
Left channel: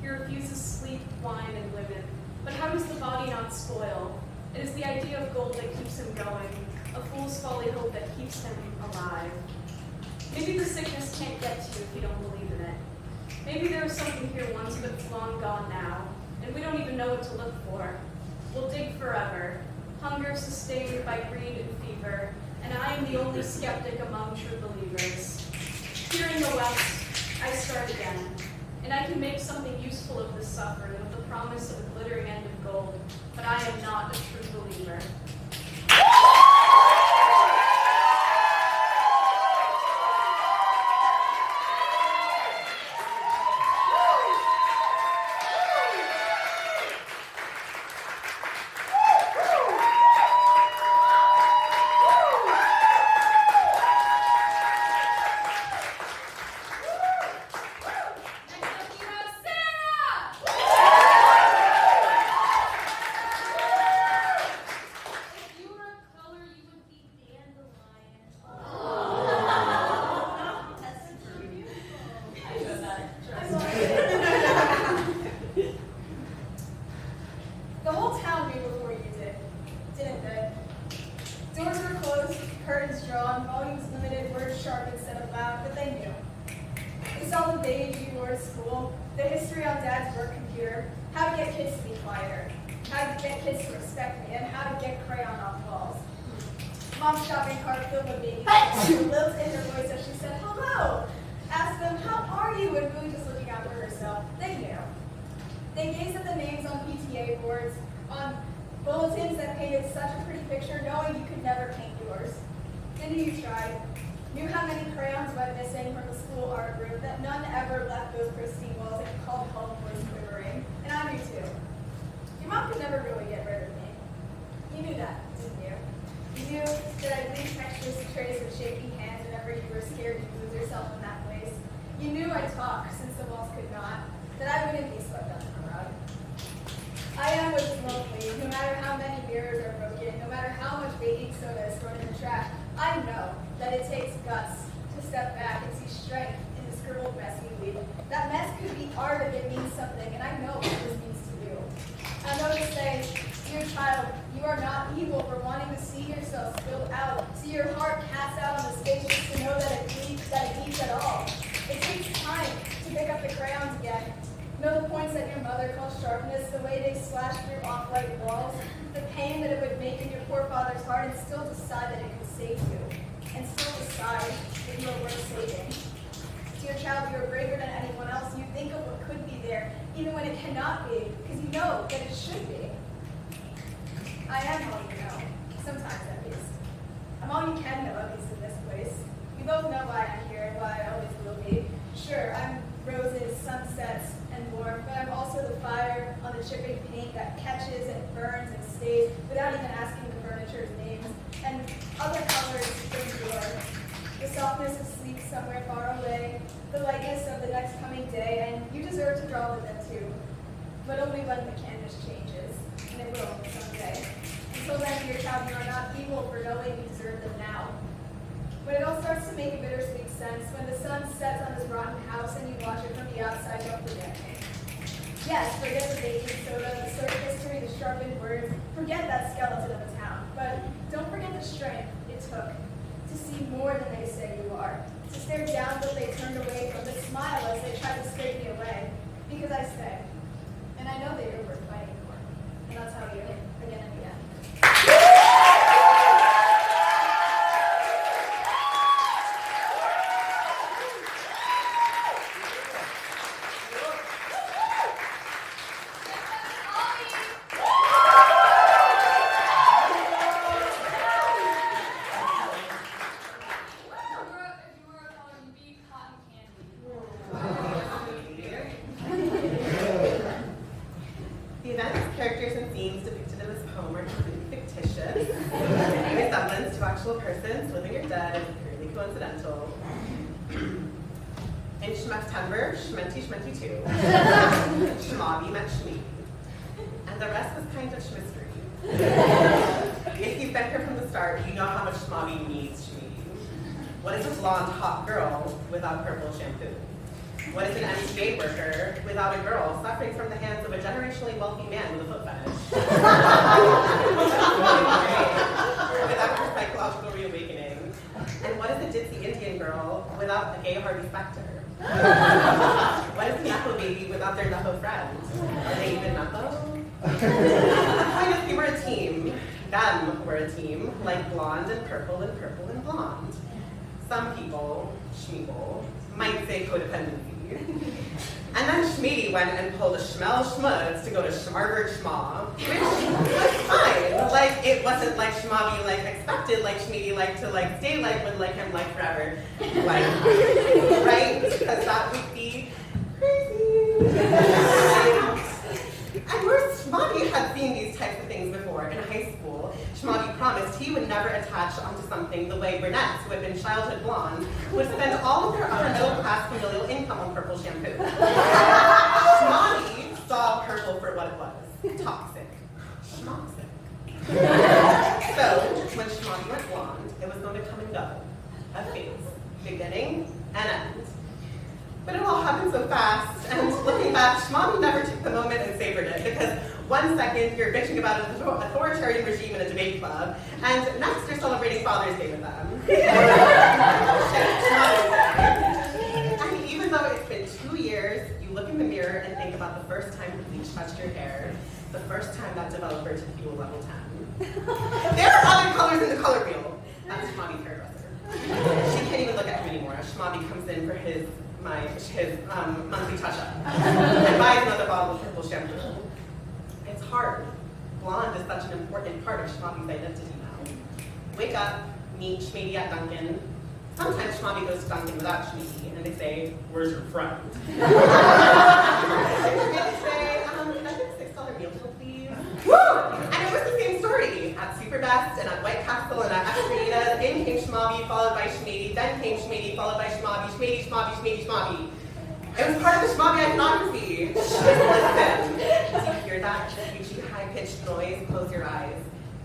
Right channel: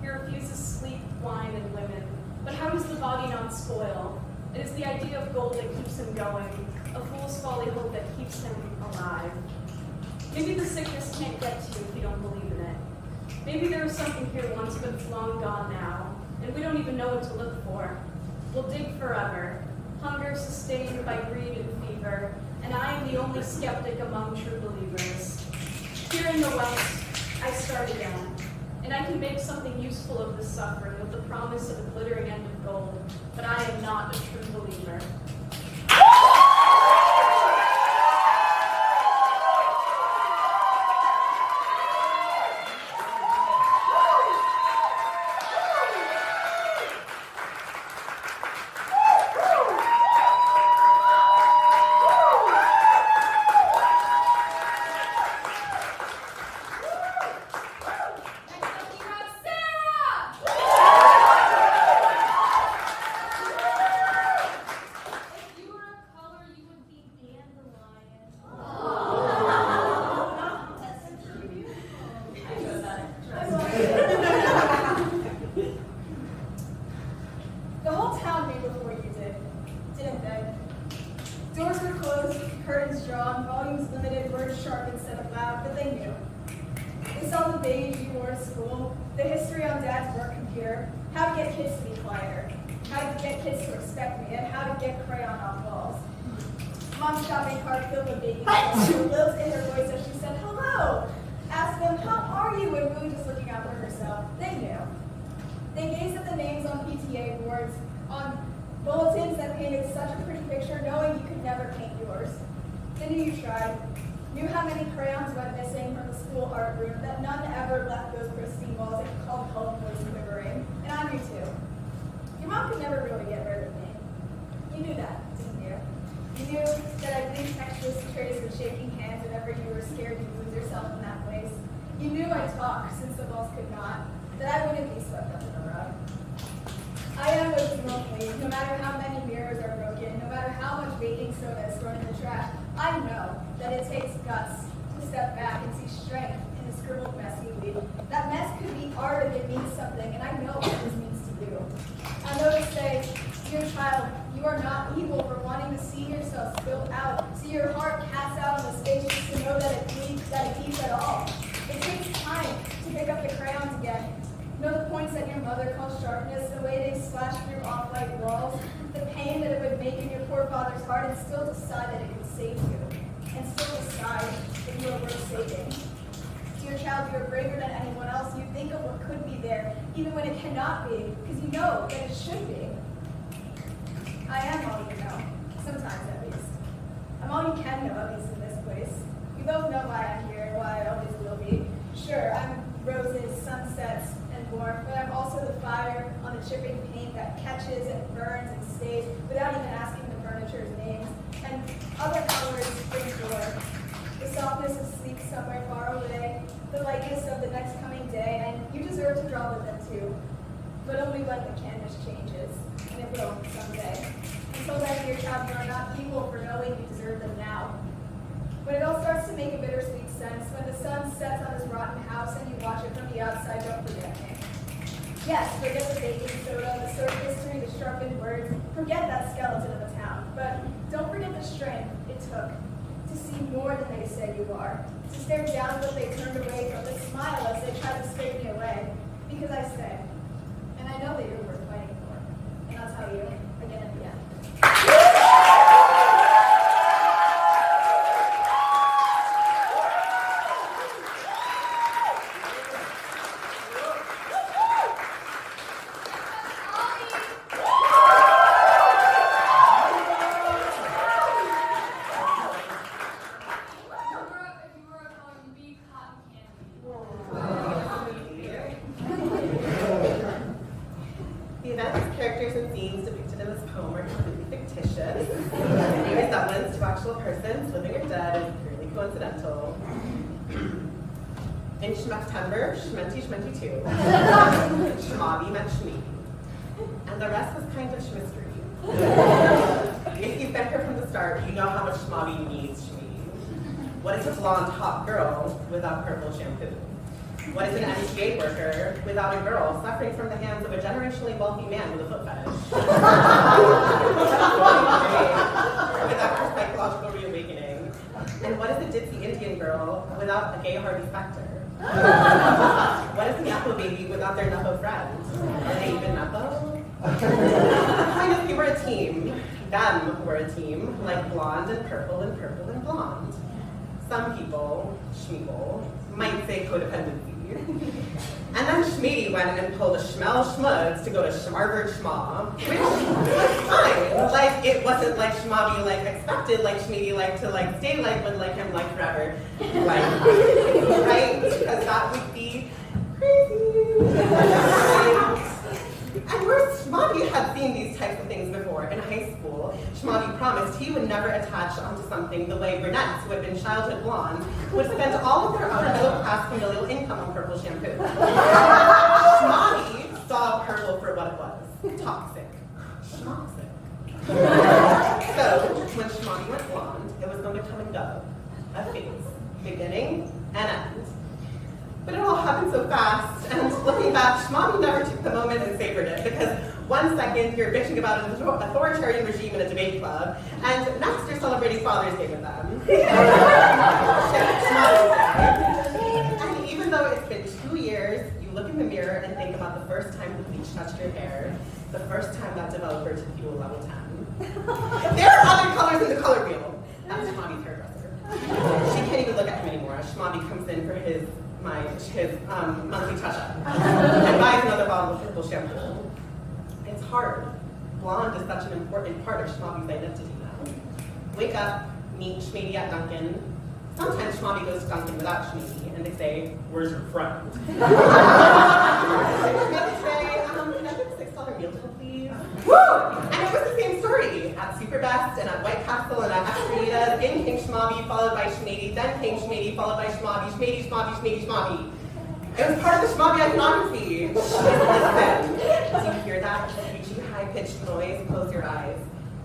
He refuses sleep, wine, and women. But how does the body not spoil? It is the idea of gold that keeps him going, a fool's folly hope that keeps him alive. Maybe the sickness can't get to you if you don't believe in it. Maybe there was something here once, but it's long gone now, and we don't even know what to look for. We'll dig forever, hunger sustained by greed and fever, and I am the only skeptic among true believers. Here in the West, I start again, and I can make something useful of this suffering with the promise of a glittering end of gold, but I am not a true believer. The whole town knew before you did, didn't they? Doors were closed, curtains drawn, volumes limited, words sharp instead of loud, but they knew. They saw the beige you wore to school, the history on Dad's work computer, how to get kids to be quieter, how kids to respect me and how to get crayon off walls. Mom's shopping cart filled with babies. She lilt in her voice as she said, hello. Asked them, how are you? And really just looking out for herself. They knew. They gazed at the names on PTA boards, on bulletins that painted such a pretty picture, knowing you could never paint yours. They knew you tried. Knew how many crayons went missing from the school art room, that none ever left those pristine walls and called home voice quivering. And I knew too. Your mom could never really get rid of me. You knew that, didn't you? You knew that I'd leave textuous trays with shaking hands whenever you were scared you'd lose yourself in that place. You knew I'd talk, since the walls could not, that I wouldn't be swept under the rug. I am what's lonely, no matter how many mirrors are broken, no matter how much baking soda is thrown in the trash. I know that it takes guts to step back and see strength in the scribbled mess you leave. That mess could be art if it means something, and I know what this means to you. I know to say, dear child, you are not evil for wanting to see yourself spilled out, see your heart cast out on the stage just to know that it beats at all. It takes time to pick up the crayons again. Know the points that your mother called sharpness, the way they slashed through off-white walls, the pain that it would make in your poor father's heart, and still decide that it could save you, and still decide that you are worth saving. Dear child, you are braver than anyone else. You think of what could be there, even when it cannot be, because you know that it should be. I am all you know, sometimes at least. I'm all you can know, at least in this place. We both know why I'm here and why I always will be. Sure, I'm roses, sunsets, and warmth, but I'm also the fire on the chipping paint that catches and burns and stays without even asking the furniture's names, and other colors bring joy. The softness of sleep somewhere far away, the lightness of the next coming day, and you deserve to draw with them too. But only when the canvas changes, and it will someday. Until then, dear child, you are not evil for knowing you deserve them now. When it all starts to make a bittersweet sense, when the sun sets on this rotten house and you watch it from the outside, don't forget me. Yes, forget the baking soda, the short history, the sharpened words, forget that skeleton of a town, but don't forget the strength it took to see more than they say you are, to stare down what they turned away from, to smile as they tried to scrape me away, because I stay, and I know that you're worth fighting for, and I'll tell you again and again. The events, characters, and scenes depicted in this poem are completely fictitious. Any resemblance to actual persons, living or dead, is purely coincidental. In September, Shmenty 2, Shmavi met Shmi. And the rest was kind of Shmistery. If you met her from the start, you know how much Shmavi needs Shmi. What is a blonde hot girl without purple shampoo? What is an MTA worker without a girl suffering from the hands of a generationally wealthy man with a foot fetish? Without her psychological reawakening? And what is a ditzy Indian girl without the gay Harvey Specter? What is a Nepo baby without their Nepo friends? Are they even Nepo? Kind of, we were a team. Them were a team, like blonde and purple and purple and blonde. Some people, Schmeeble, might say codependency. And then Schmee went and pulled a Schmel Schmutz to go to Schmarvard Schma, which was fine. Like, it wasn't like Schmavi like expected, like Schmee like to like stay like would like him like forever. Like, right? Because that would be crazy. And where Shmavi had seen these types of things before in high school, Shmavi promised he would never attach onto something the way brunettes, who had been childhood blonde, would spend all of their upper middle class familial income on purple shampoo. Shmavi saw purple for what it was, toxic. Schmoxic. So, when Shmavi went blonde, it was going to come and go. A phase, beginning and end. But it all happened so fast, and looking back, Shmavi never took the moment and savored it, because one second you're bitching about an authoritarian regime in a debate club, and next you're celebrating Father's Day with them. And even though it's been 2 years, you look in the mirror and think about the first time the bleach touched your hair, the first time that developer took you to a level 10. There are other colors in the color wheel. That's Schmobby's hairdresser. She can't even look at him anymore. Schmobby comes in for his monthly touch-up and buys another bottle of purple shampoo. It's hard. Blonde is such an important part of Schmobby's identity now. Wake up, meet Schmady at Dunkin'. Sometimes Schmobby goes to Dunkin' without Schmady, and they say, "Where's your friend?" They say, "Can I get a $6 meal deal, please?" Woo! And it was the same story at Superbest and at White Castle and at Extraditas. In came Schmobby, followed by Schmady, then came Schmady, followed by Schmobby, Schmady, Schmobby, Schmady, Schmobby. It was part of the Schmobby iconography. Listen, do you hear that screechy, high-pitched noise? Close your eyes.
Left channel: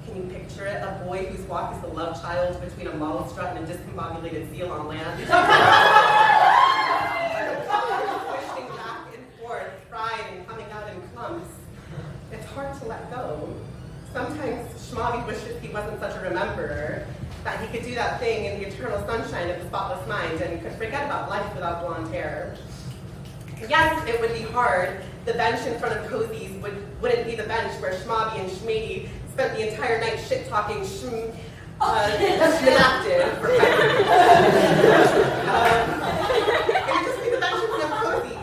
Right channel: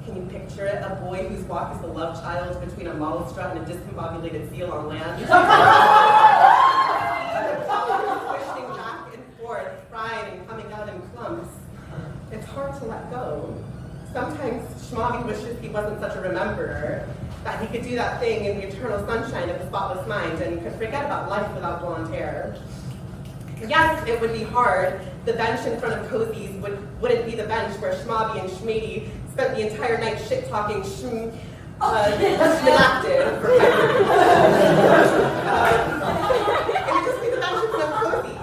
Can you picture it? A boy whose walk is the love child between a mall strut and a discombobulated seal on land. Pushing back and forth, crying and coming out in clumps. It's hard to let go. Sometimes Schmobby wishes he wasn't such a rememberer, that he could do that thing in the eternal sunshine of the spotless mind and could forget about life without blonde hair. Yes, it would be hard. The bench in front of Cozy's wouldn't be the bench where Schmobby and Schmady spent the entire night shit-talking Schmactive for it would just be the bench in front of Cozy's.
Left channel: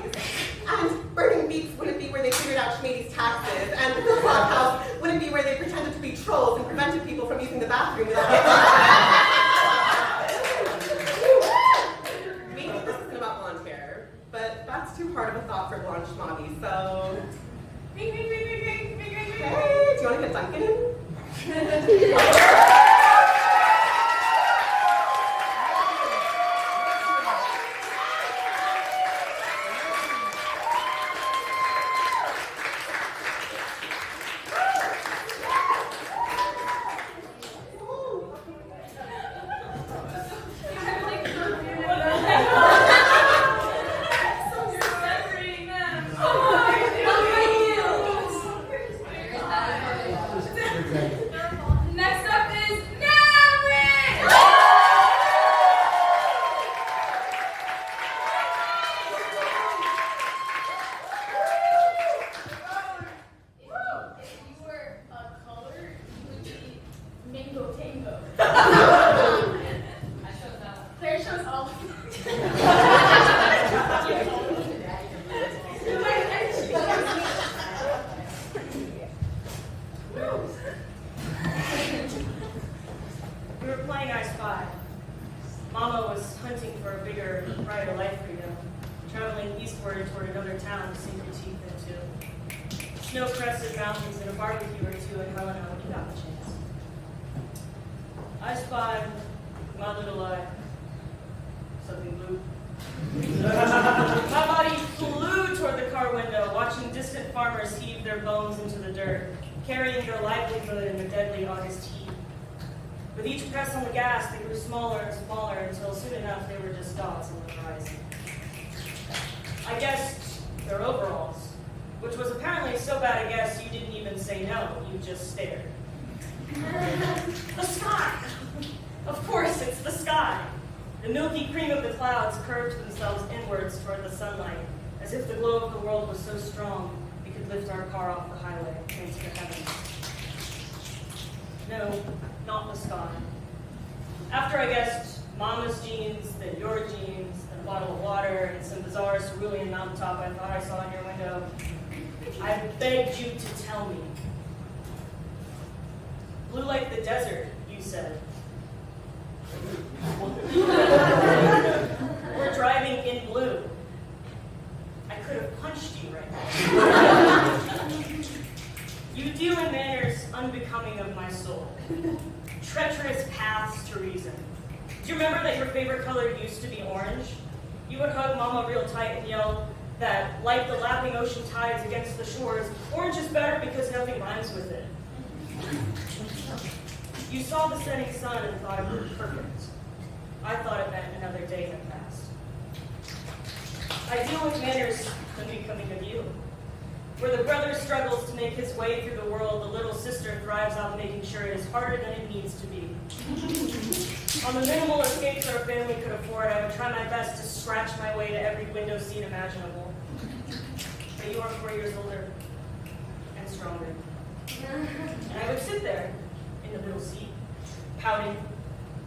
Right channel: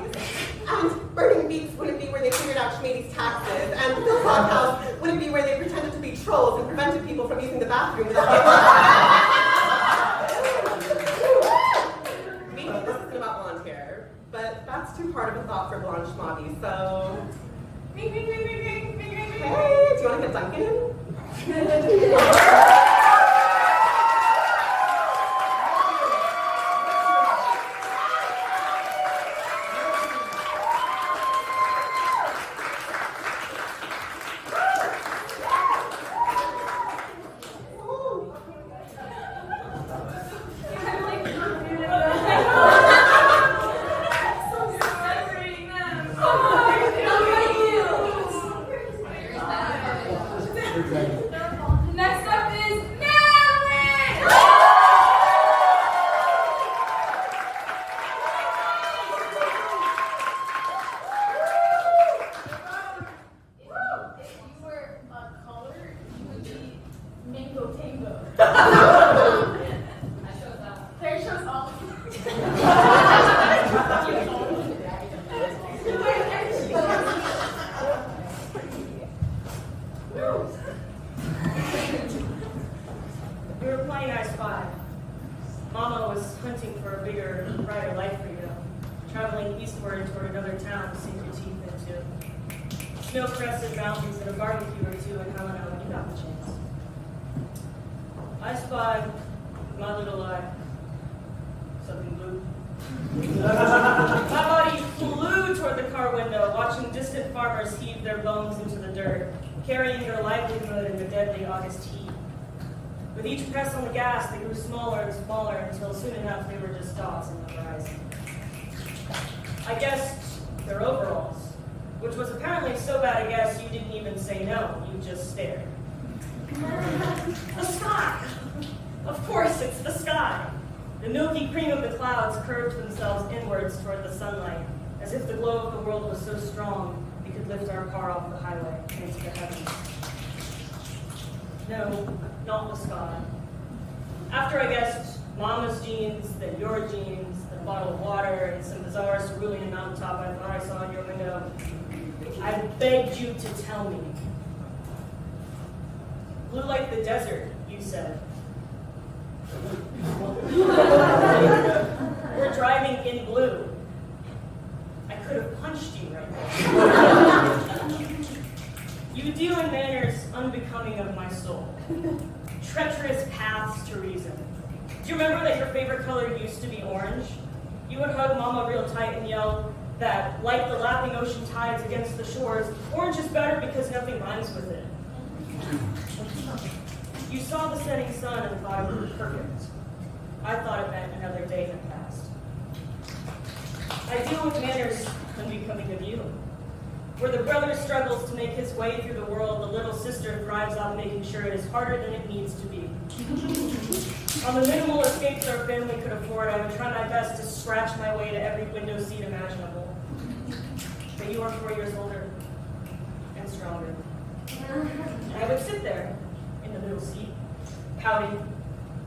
And Burning Beats wouldn't be where they figured out Schmady's taxes. And the Philpott House wouldn't be where they pretended to be trolls and prevented people from using the bathroom without Maybe this isn't about blonde hair, but that's too hard of a thought for blonde Schmobby, so... Hey, do you want to get Dunkin' in? Next up is Maverick! If you were a color, you would be Mango Tango. Claire shows all the We were playing I Spy. Mama was hunting for a bigger, brighter life for you, traveling eastward toward another town to sink your teeth into. Snow-crested mountains and a barbecue or two in Helena when you got the chance. I spied my little eye. Something blue. My body flew toward the car window, watching distant farmers heave their bones into the dirt, carrying their livelihood in the deadly August heat. With each press on the gas, they grew smaller and smaller until soon enough they were just dots on the horizon. I guessed their overalls, which was apparently so bad a guess you didn't even say no, you just stared. The sky! Of course, it's the sky. The milky cream of the clouds curved themselves inwards toward the sunlight, as if the glow of the world was so strong we could lift our car off the highway into the heavens. No, not the sky. After I guessed Mama's jeans, then your jeans, then a bottle of water, and some bizarre cerulean mountaintop I thought I saw in your window, I begged you to tell me. Blue like the desert, you said. We're driving in blue. I could have punched you right now. You deal in manners unbecoming of my soul. Treacherous paths to reason. Do you remember that your favorite color used to be orange? You would hug Mama real tight and yell that, like the lapping ocean tides against the shores, orange is better because nothing rhymes with it. You saw the setting sun and thought it was perfect. I thought it meant another day had passed. I deal with manners unbecoming of you. Where the brother struggles to make his way through the world, the little sister thrives on making sure it is harder than it needs to be. On the minimal escapes our family could afford, I would try my best to scratch my way to every window seat imaginable. But you are 4 years older and stronger. And I would sit there in the middle seat, pouting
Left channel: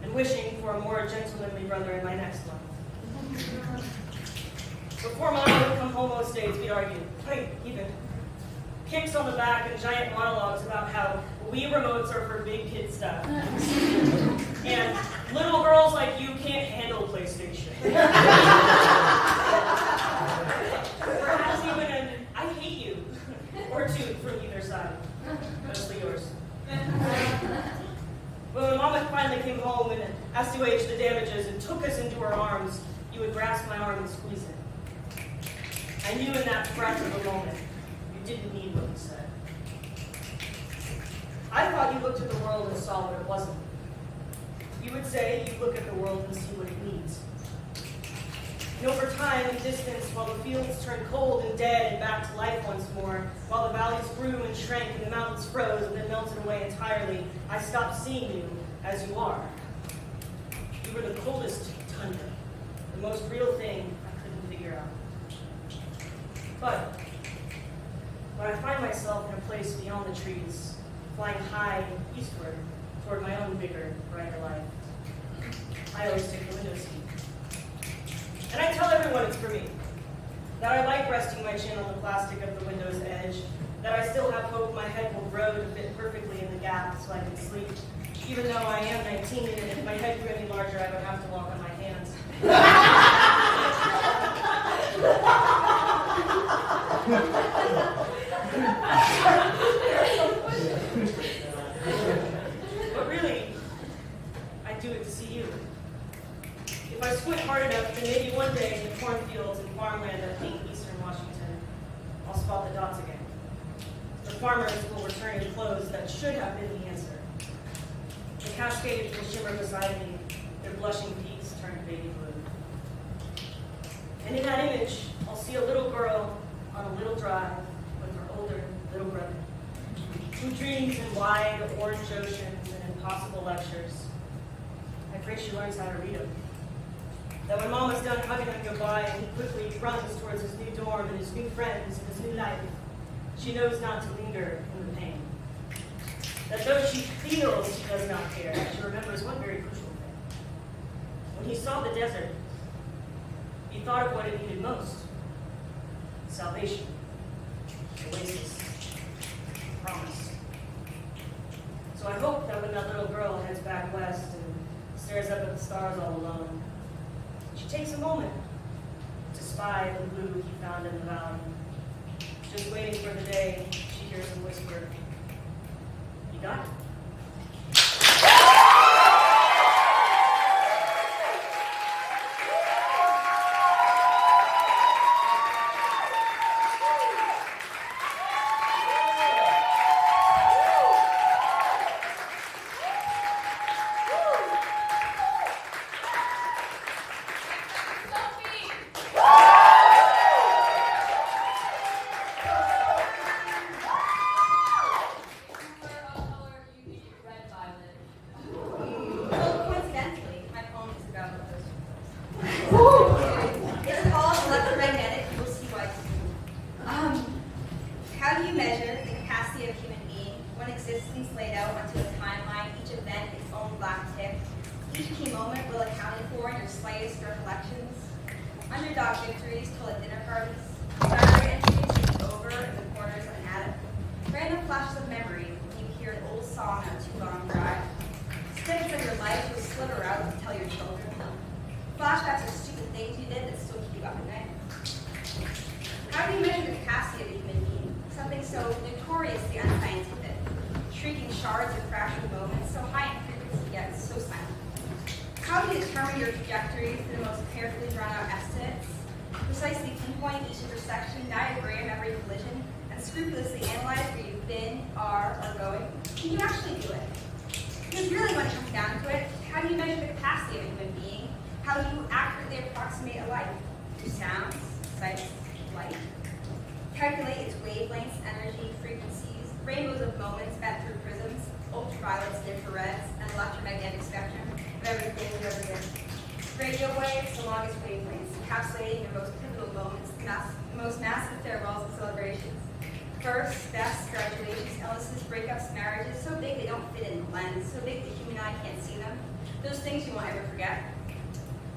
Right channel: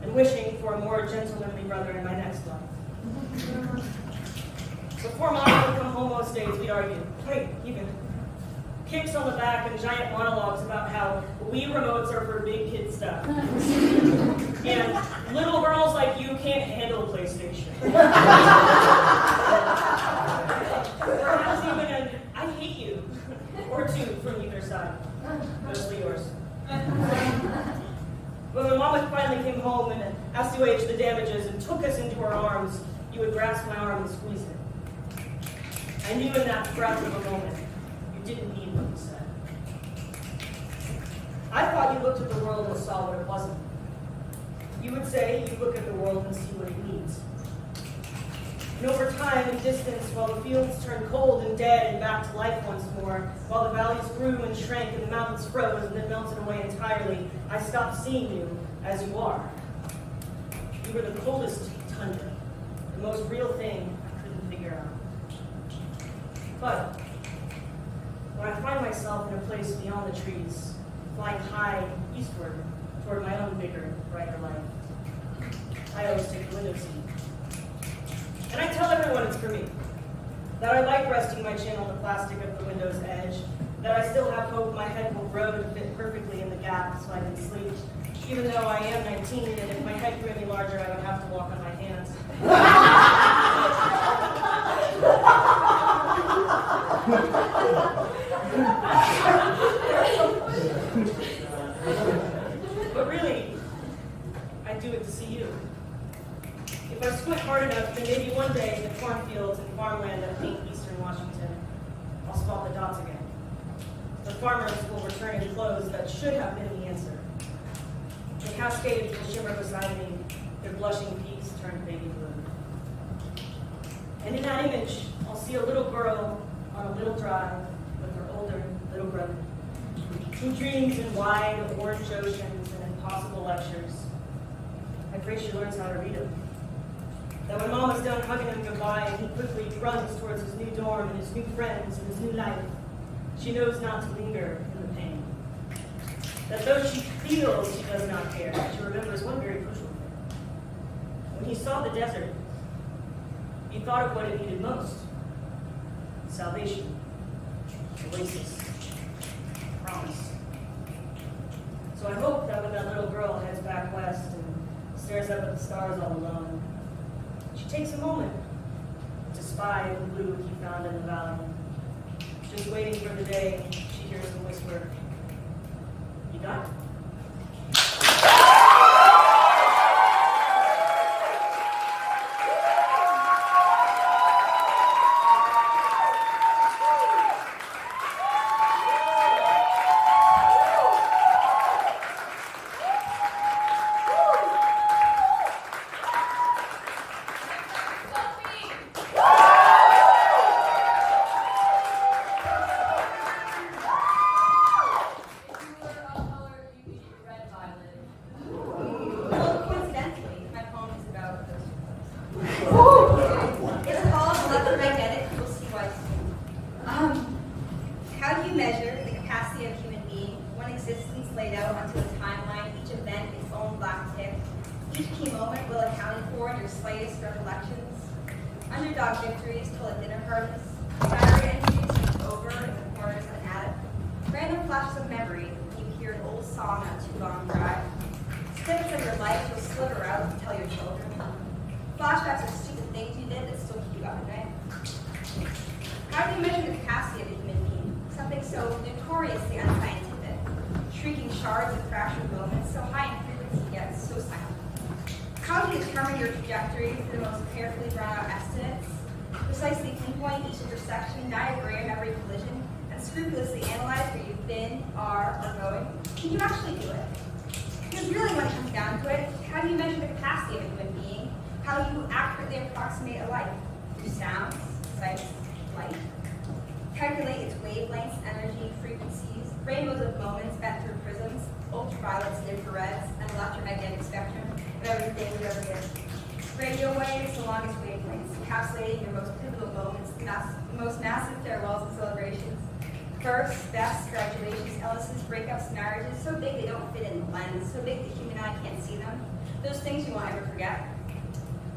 and wishing for a more gentlemanly brother in my next life. Before Mom would come home most days, we'd argue, fight even. Kicks on the back and giant monologues about how Wii remotes are for big kid stuff. And little girls like you can't handle PlayStation. Perhaps even an I hate you, or two from either side. Mostly yours. But when Mama finally came home and assuaged the damages and took us into her arms, you would grasp my arm and squeeze it. I knew in that breath of a moment, you didn't mean what you said. I thought you looked at the world and saw what it wasn't. You would say you look at the world and see what it needs. And over time and distance, while the fields turned cold and dead and back to life once more, while the valleys grew and shrank and the mountains froze and then melted away entirely, I stopped seeing you as you are. You were the coldest tundra, the most real thing I couldn't figure out. But when I find myself in a place beyond the trees, flying high eastward toward my own bigger, brighter life, I always take the window seat. And I tell everyone it's for me, that I like resting my chin on the plastic of the window's edge, that I still have hope my head will grow to fit perfectly in the gap so I can sleep, even though I am 19 and if my head grew any larger I would have to walk on my hands. But really, I do it to see you. If I squint hard enough, then maybe one day in the cornfields and farmland of pink eastern Washington, I'll spot the dots again. The farmers will return in clothes that should have been the answer. The cascades will shimmer beside me, their blushing peaks turn baby blue. And in that image, I'll see a little girl on a little drive with her older little brother, who dreams in wide orange oceans and impossible lectures. I pray she learns how to read them. That when Mom is done hugging him goodbye and he quickly runs towards his new dorm and his new friends and his new life, she knows not to linger in the pain. That though she feels she does not care, she remembers one very crucial thing. When he saw the desert, he thought of what it needed most: salvation, oasis, promise. So I hope that when that little girl heads back west and stares up at the stars all alone, she takes a moment to spy the blue he found in the valley, just waiting for the day she hears him whisper, "You got it." How do you measure the capacity of a human being, one existence laid out onto a timeline, each event its own black tick, each key moment well accounted for in your slightest recollections? Underdog victories told at dinner parties, diary entries over in the corners of an attic, random flashes of memory when you hear an old song on a too long drive, snippets of your life you'll sliver out to tell your children, flashbacks of stupid things you did that still keep you up at night. How do you measure the capacity of a human being? Something so notoriously unscientific, shrieking shards of fractured moments, so high in frequency yet so silent. How do you determine your trajectory through the most carefully drawn out estimates, precisely pinpoint each intersection, diagram every collision, and scrupulously analyze where you've been, are, or going? Can you actually do it? Because really when it comes down to it, how do you measure the capacity of a human being? How do you accurately approximate a life? Through sounds, sights, light. Calculate its wavelengths, energy, frequencies, rainbows of moments bent through prisms, ultraviolets and infrareds, and electromagnetic spectrum of everything you ever did. Radio waves, the longest wavelengths, encapsulating your most pivotal moments, the most massive farewells and celebrations. Firsts, vests, graduations, Ellis's, breakups, marriages, so big they don't fit in the lens, so big the human eye can't see them. Those things you won't ever forget.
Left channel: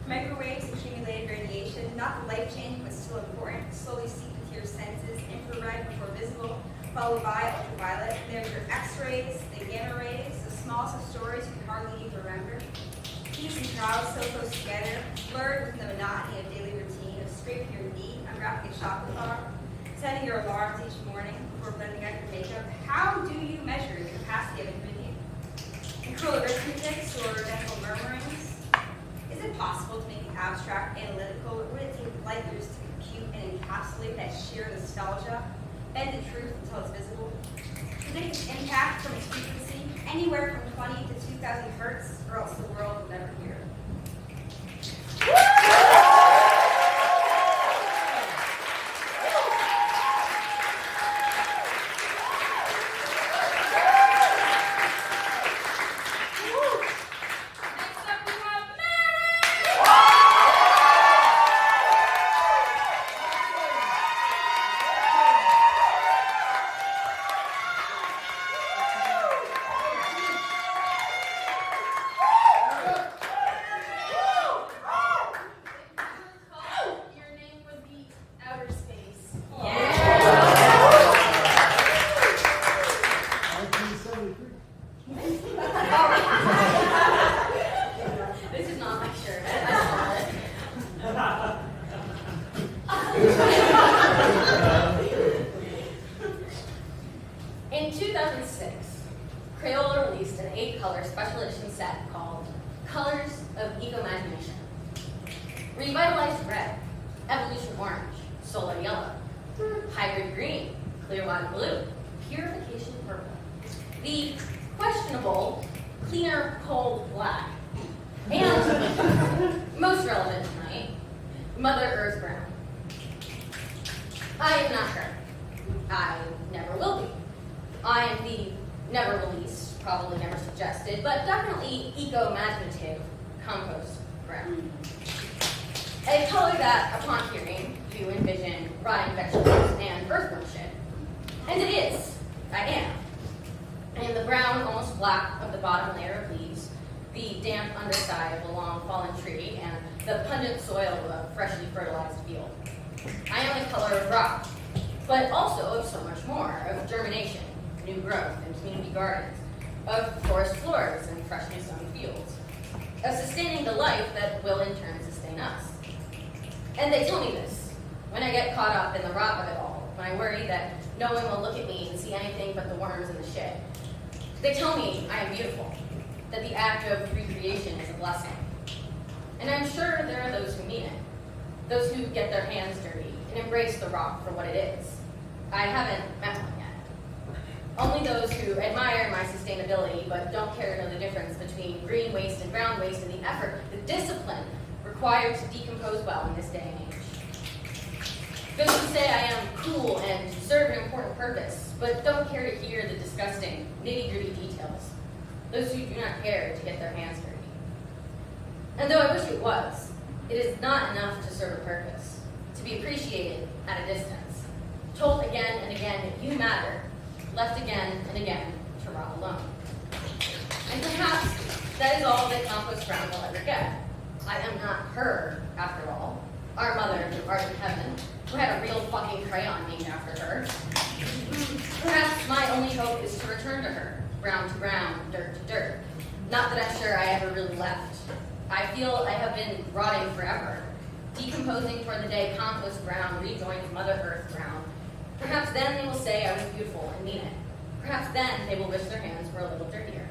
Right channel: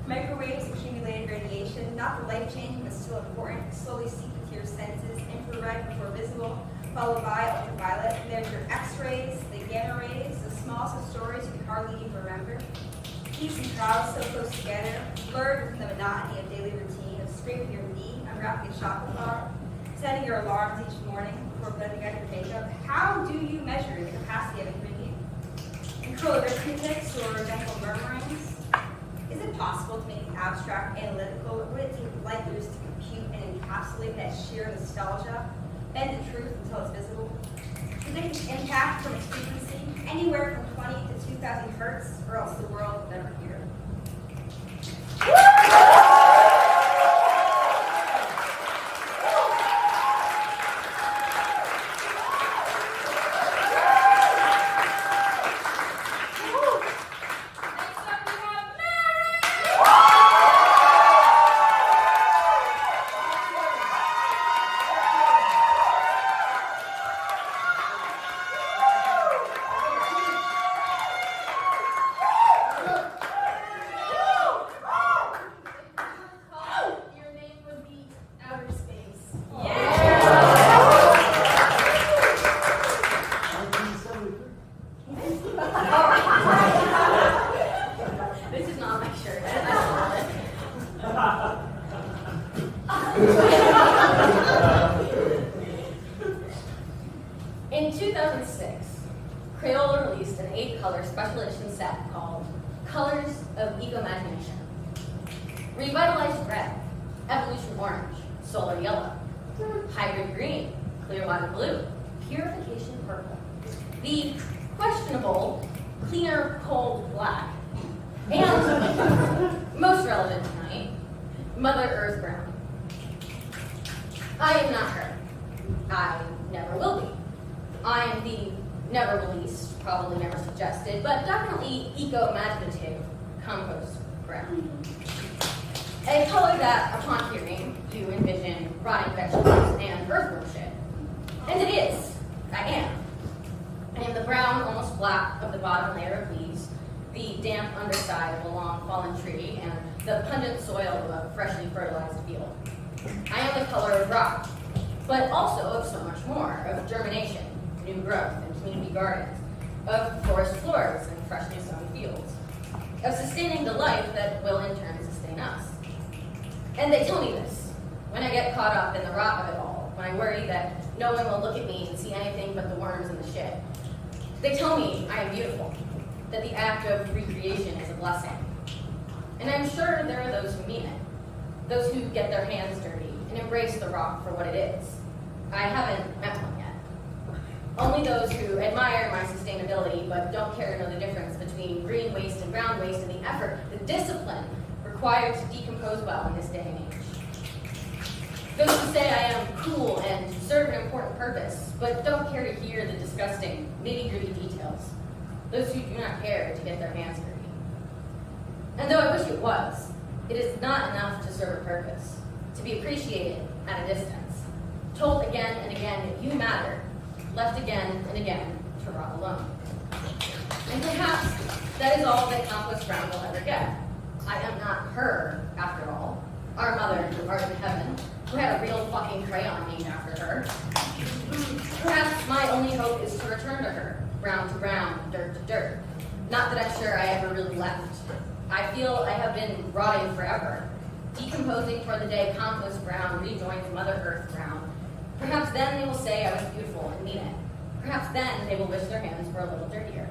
Microwaves, accumulated radiation, not the life-changing but still important, slowly seep into your senses, infrared before visible, followed by ultraviolet. There's your X-rays, the gamma rays, the smallest of stories you can hardly even remember. Peaks and troughs so close together, blurred within the monotony of daily routine, of scraping your knee, unwrapping a chocolate bar, setting your alarms each morning before blending out your makeup. How do you measure the capacity of a human being? In curl arithmetics or gentle murmurings? Is it possible to make it abstract, analytical, or would it take light years to compute and encapsulate that sheer nostalgia? Bend the truth until it's visible? Predict its impact from its frequency, anywhere from 20 to 2,000 hertz, or else the world will never hear it. Next up, we have Mary! Your name would be outer space. This is not my shirt. In 2006, Crayola released an 8-color special edition set called Colors of Eco-Imagination. Revitalized red, evolution orange, solar yellow, hybrid green, clear water blue, purification purple, the questionable cleaner cold black, and most relevant tonight, Mother Earth brown. I am not her. I never will be. I am the never released, probably never suggested, but definitely eco-imaginative compost brown. A color that, upon hearing, you envision rotting vegetables and earthworm shit. And it is. I am. And the brown, almost black of the bottom layer of leaves, the damp underside of a long fallen tree, and the pungent soil of a freshly fertilized field. I am the color of rock, but also of so much more, of germination, new growth, and community gardens, of forest floors and freshly sown fields, of sustaining the life that will in turn sustain us. And they tell me this, when I get caught up in the rot of it all, when I worry that no one will look at me and see anything but the worms and the shit. They tell me I am beautiful, that the act of recreation is a blessing. And I'm sure there are those who mean it, those who get their hands dirty and embrace the rock for what it is. I haven't met one yet. Only those who admire my sustainability but don't care to know the difference between green waste and brown waste and the effort, the discipline required to decompose well in this day and age. Those who say I am cool and serve an important purpose, but don't care to hear the disgusting, nitty-gritty details. Those who do not care to get their hands dirty. And though I wish it was, it is not enough to serve a purpose, to be appreciated at a distance, told again and again that you matter, left again and again to rot alone. And perhaps that is all that Compost Brown will ever get. I am not her, after all. Our mother, who art in heaven, who had a real fucking crayon named after her. Perhaps my only hope is to return to her, brown to brown, dirt to dirt. Not that I'm sure I ever really left. I feel I have been rotting forever, decomposing for the day Compost Brown rejoins Mother Earth Brown. Perhaps then they will say I was beautiful and mean it. Perhaps then they will wish their hands were a little dirtier.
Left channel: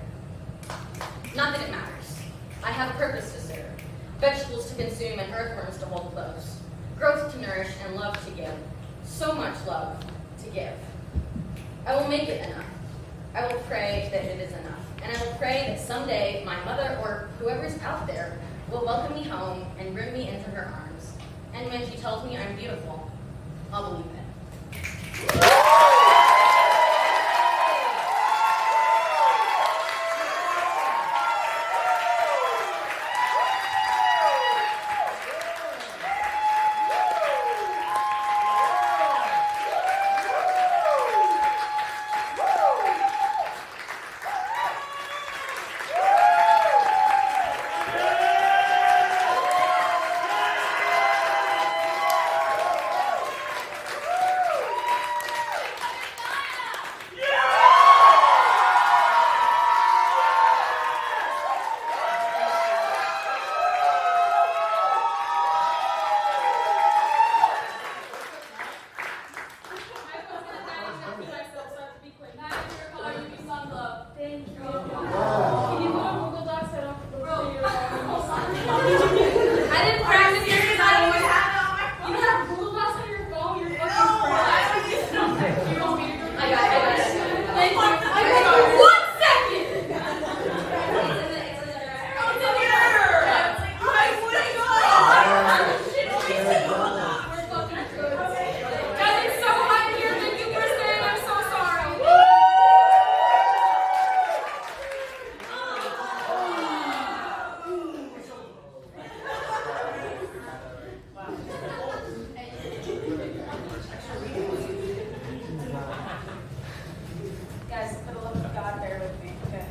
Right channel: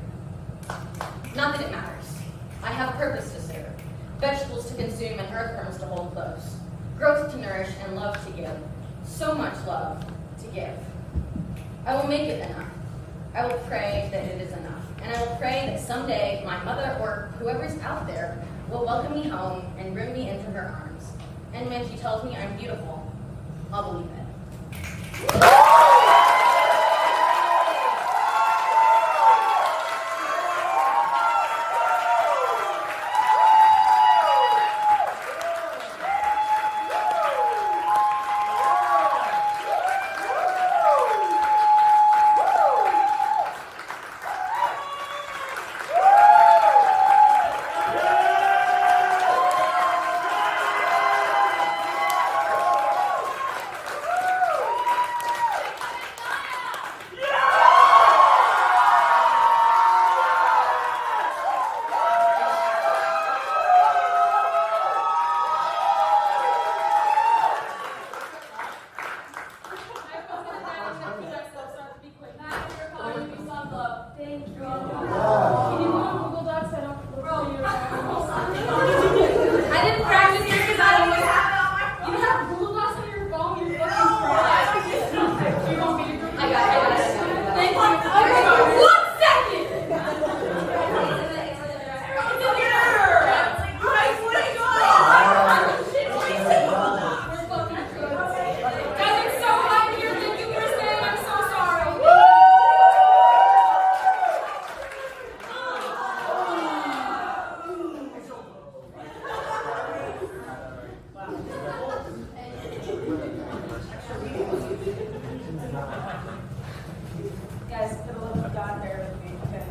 Not that it matters. I have a purpose to serve, vegetables to consume and earthworms to hold close, growth to nourish and love to give, so much love to give. I will make it enough. I will pray that it is enough. And I will pray that someday my mother or whoever's out there will welcome me home and bring me into her arms. And when she tells me I'm beautiful, I'll believe it. love glow. Thank you. Yeah. Can you go on Google Docs? I don't I didn't practice this because I always have. You have Google Docs on your phone? You're fucking crap. You want me to go? I got it. Thank you. Okay. 1 second. We're fucking good. Guys, it's so hot here. Thank you for staying. I'm so sorry. Guys, for the love of God, bear with me, okay?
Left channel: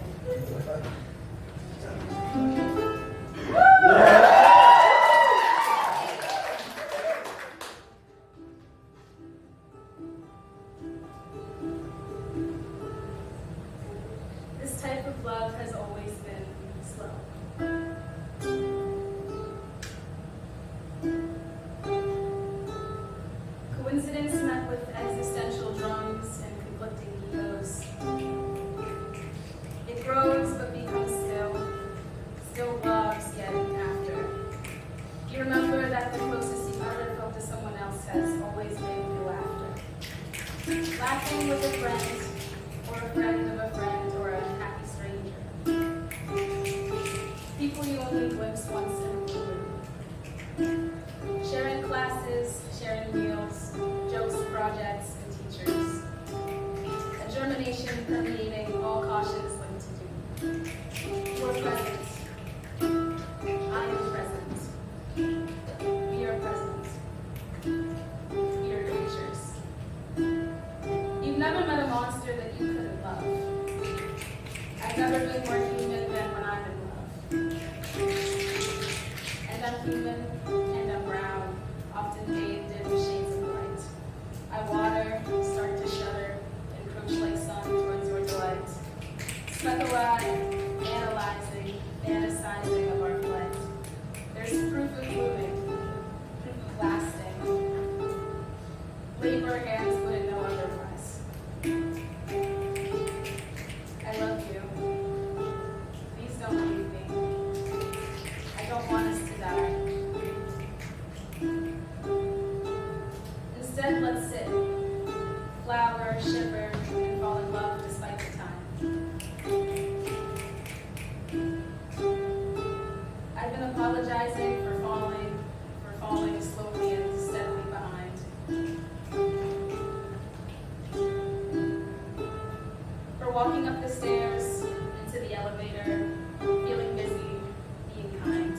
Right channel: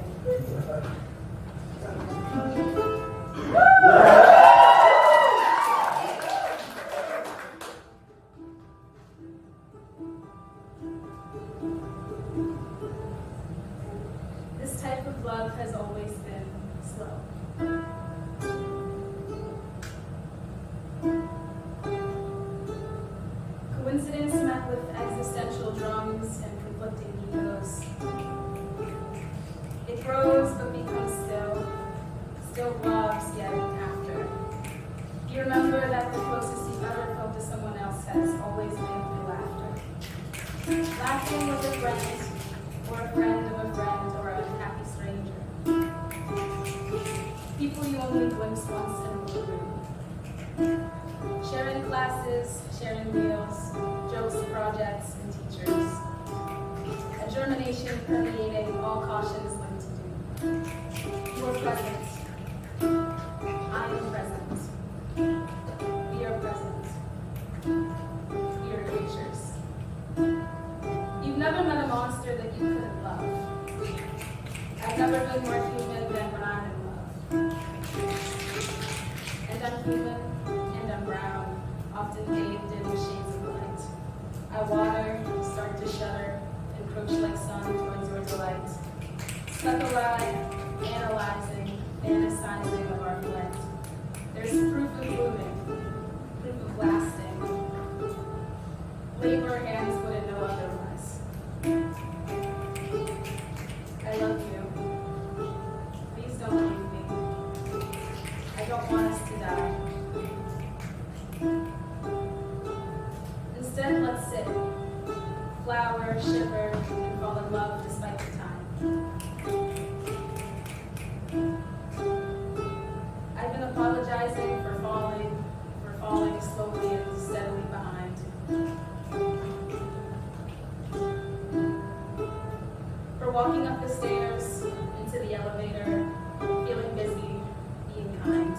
This type of love has always been slow. Coincidence met with existential drums and conflicting egos. It grows but becomes still loves yet after. You remember that the closest you ever felt to someone else has always been through laughter. Laughing with a friend, or a friend of a friend, or a happy stranger. People you only glimpse once in a blue moon. Sharing classes, sharing meals, jokes, projects, and teachers. A germination permeating all cautions linked to doom. You are present. I am present. We are present. We are creatures. You've never met a monster that you couldn't love. I've never been more human than when I'm in love. And I'm human, and I'm brown, often bathed in shades of light. I water, start to shudder, encroach like sun towards your delight. Speculate, analyzing, fantasizing of our flight. There's proof of moving, proof of lasting. Labor hands wouldn't know otherwise. I love you. Please don't leave me. I don't want us to die. Instead, let's sit, flower, shiver, and fall in love despite the time. I've been apologizing for falling slowly and steadily behind. For walking up the stairs, into the elevator, feeling busy, being kind.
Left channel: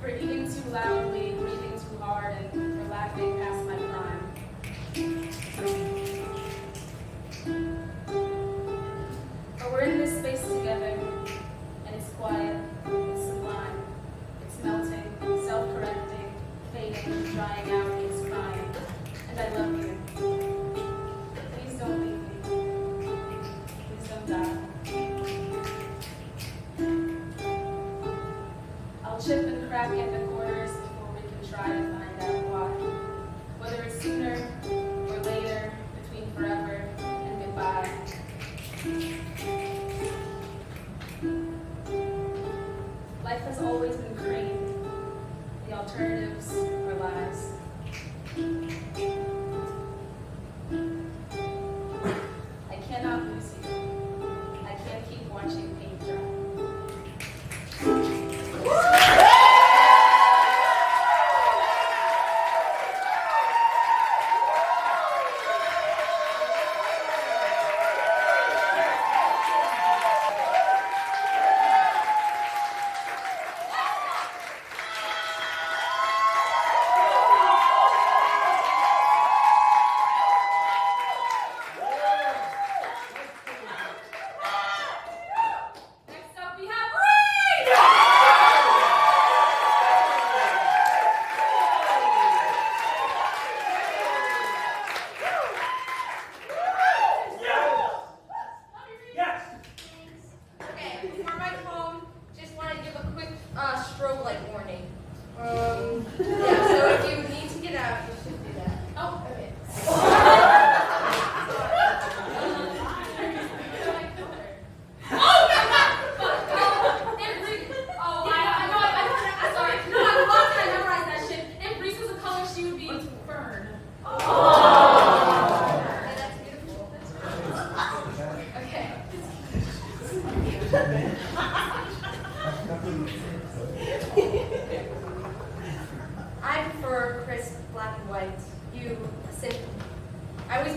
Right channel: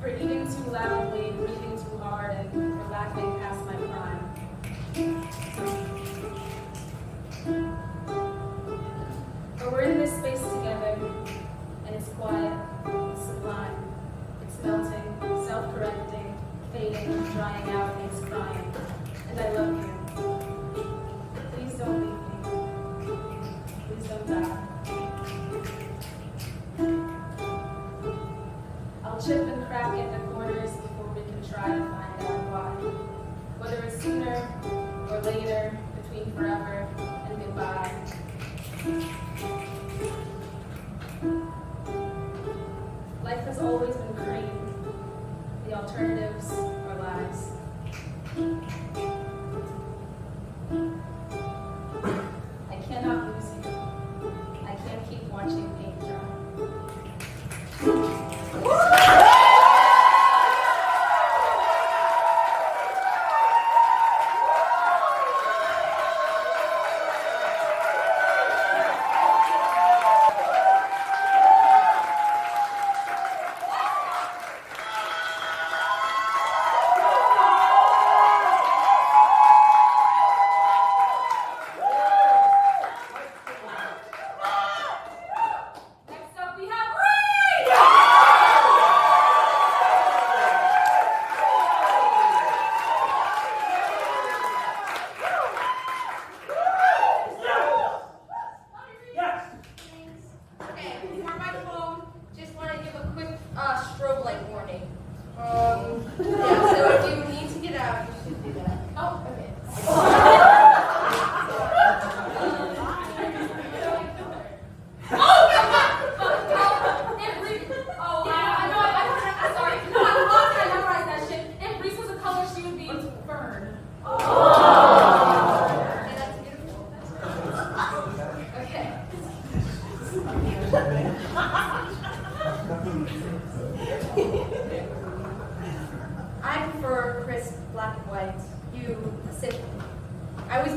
For eating too loudly, breathing too hard, and for laughing past my prime. But we're in this space together, and it's quiet, it's sublime, it's melting, self-correcting, fading, drying out, it's crying. And I love you. Please don't leave me. Please don't die. I'll chip and crack at the corners before we can try to find out why. Whether it's sooner or later, between forever and goodbye. Life has always been cream. The alternatives are lies. I cannot lose you. I can't keep watching paint dry.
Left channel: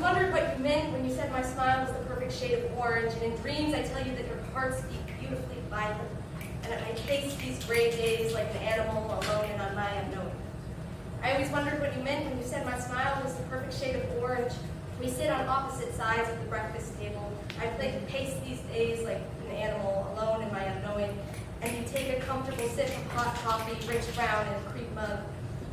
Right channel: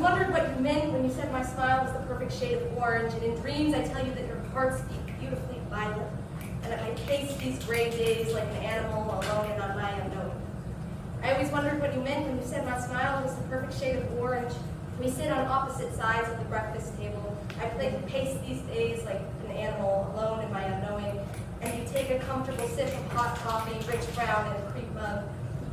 wondered what you meant when you said my smile was the perfect shade of orange, and in dreams I tell you that your hearts beat beautifully violet, and that I face these gray days like an animal alone and on my unknown. I always wondered what you meant when you said my smile was the perfect shade of orange. We sit on opposite sides of the breakfast table. I pace these days like an animal alone in my unknowing, and you take a comfortable sip of hot coffee, rich brown in a cream mug.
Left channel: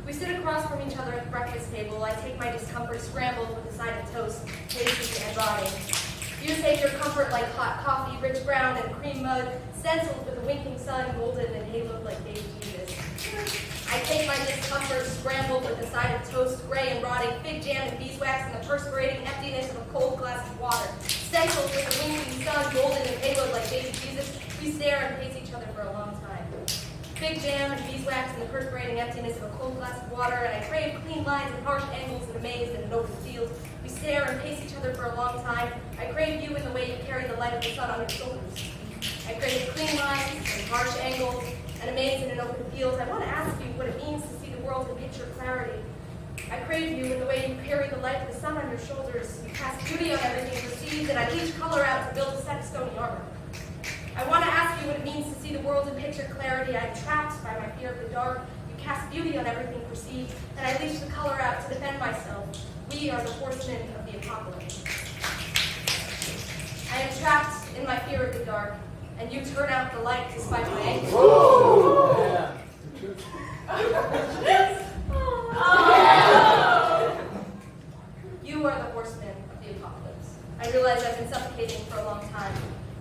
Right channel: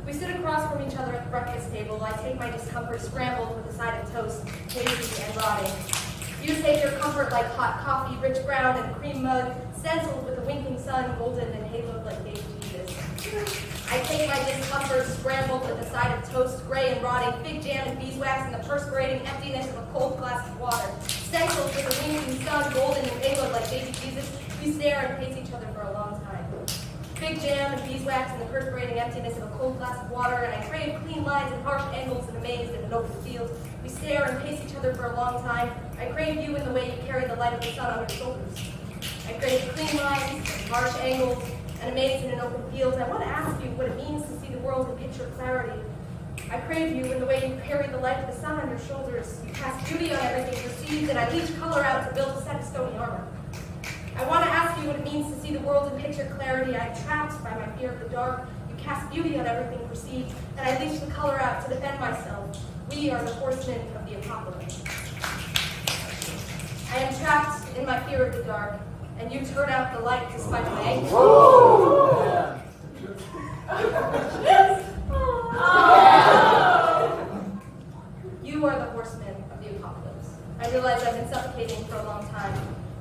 We sit across from each other at the breakfast table. I take my discomfort scrambled with a side of toast, tasty and rotting. You take your comfort like hot coffee, rich brown in a cream mug, stenciled with a winking sun, golden and haloed like baby Jesus. I take my discomfort scrambled with a side of toast, gray and rotting, fig jam and beeswax, and the perspirating emptiness of a cold glass of water. Stenciled with a winking sun, golden and haloed like baby Jesus, we stare and pace each other for a long time. Fig jam and beeswax and the perspirating emptiness of a cold glass of water, and I crave clean lines and harsh angles and amazed in an open field. We stare and pace each other for a long time. I crave you in the way you carry the light of the sun on your shoulders. I crave clean lines and harsh angles and amazed in an open field. I want to ask you what it means to see the world in picture clarity. I crave you in the way you carry the light of the sun on your shoulders. You cast beauty on everything perceived, and I leach color out to build a set of stony armor. I want to ask you what it means to see the world in picture clarity. I am trapped by my fear of the dark. You cast beauty on everything perceived, and I leach the color out to defend myself. We are the horsemen of the apocalypse. I am trapped in my fear of the dark, and you turn out the light despite my anger. You are the horsemen of the apocalypse. I realize I've been suffocating for a long time.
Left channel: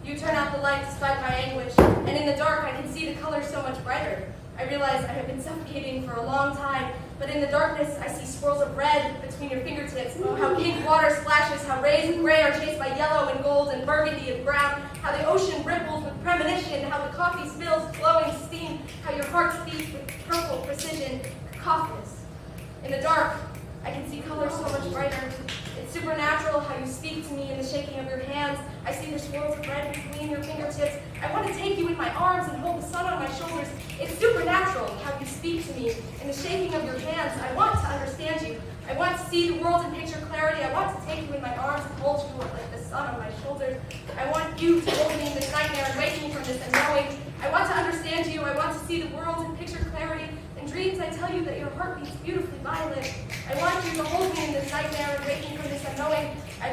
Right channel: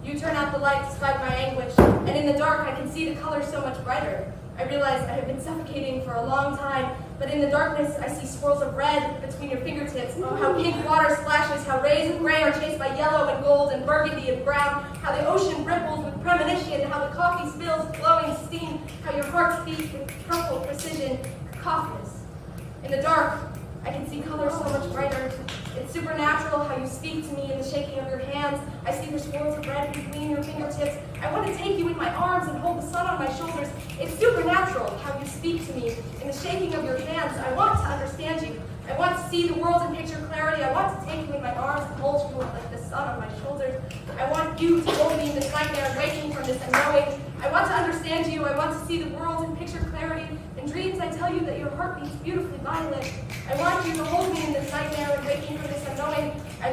You turn out the light despite my anguish, and in the dark I can see the color so much brighter. I realize I have been suffocating for a long time, but in the darkness I see swirls of red between your fingertips. Oh, how pink water splashes, how rays of gray are chased by yellow and gold and burgundy and brown, how the ocean ripples with premonition, how the coffee spills glowing steam, how your heart beats with purple precision, cacophonous. In the dark, I can see color so much brighter. It's supernatural how you speak to me in the shaking of your hands. I see your swirls of red between your fingertips. I want to take you in my arms and hold the sun on my shoulders. It's supernatural how you speak to me in the shaking of your hands. I want to understand you. I want to see the world in picture clarity. I want to take you in my arms and hold you like the sun on my shoulders. I want you to hold me in this nightmare and wake me from this unknowing. I want to understand you. I want to see the world in picture clarity. In dreams, I tell you that your heart beats beautifully violent. I want you to hold me in this nightmare and wake me from this unknowing. I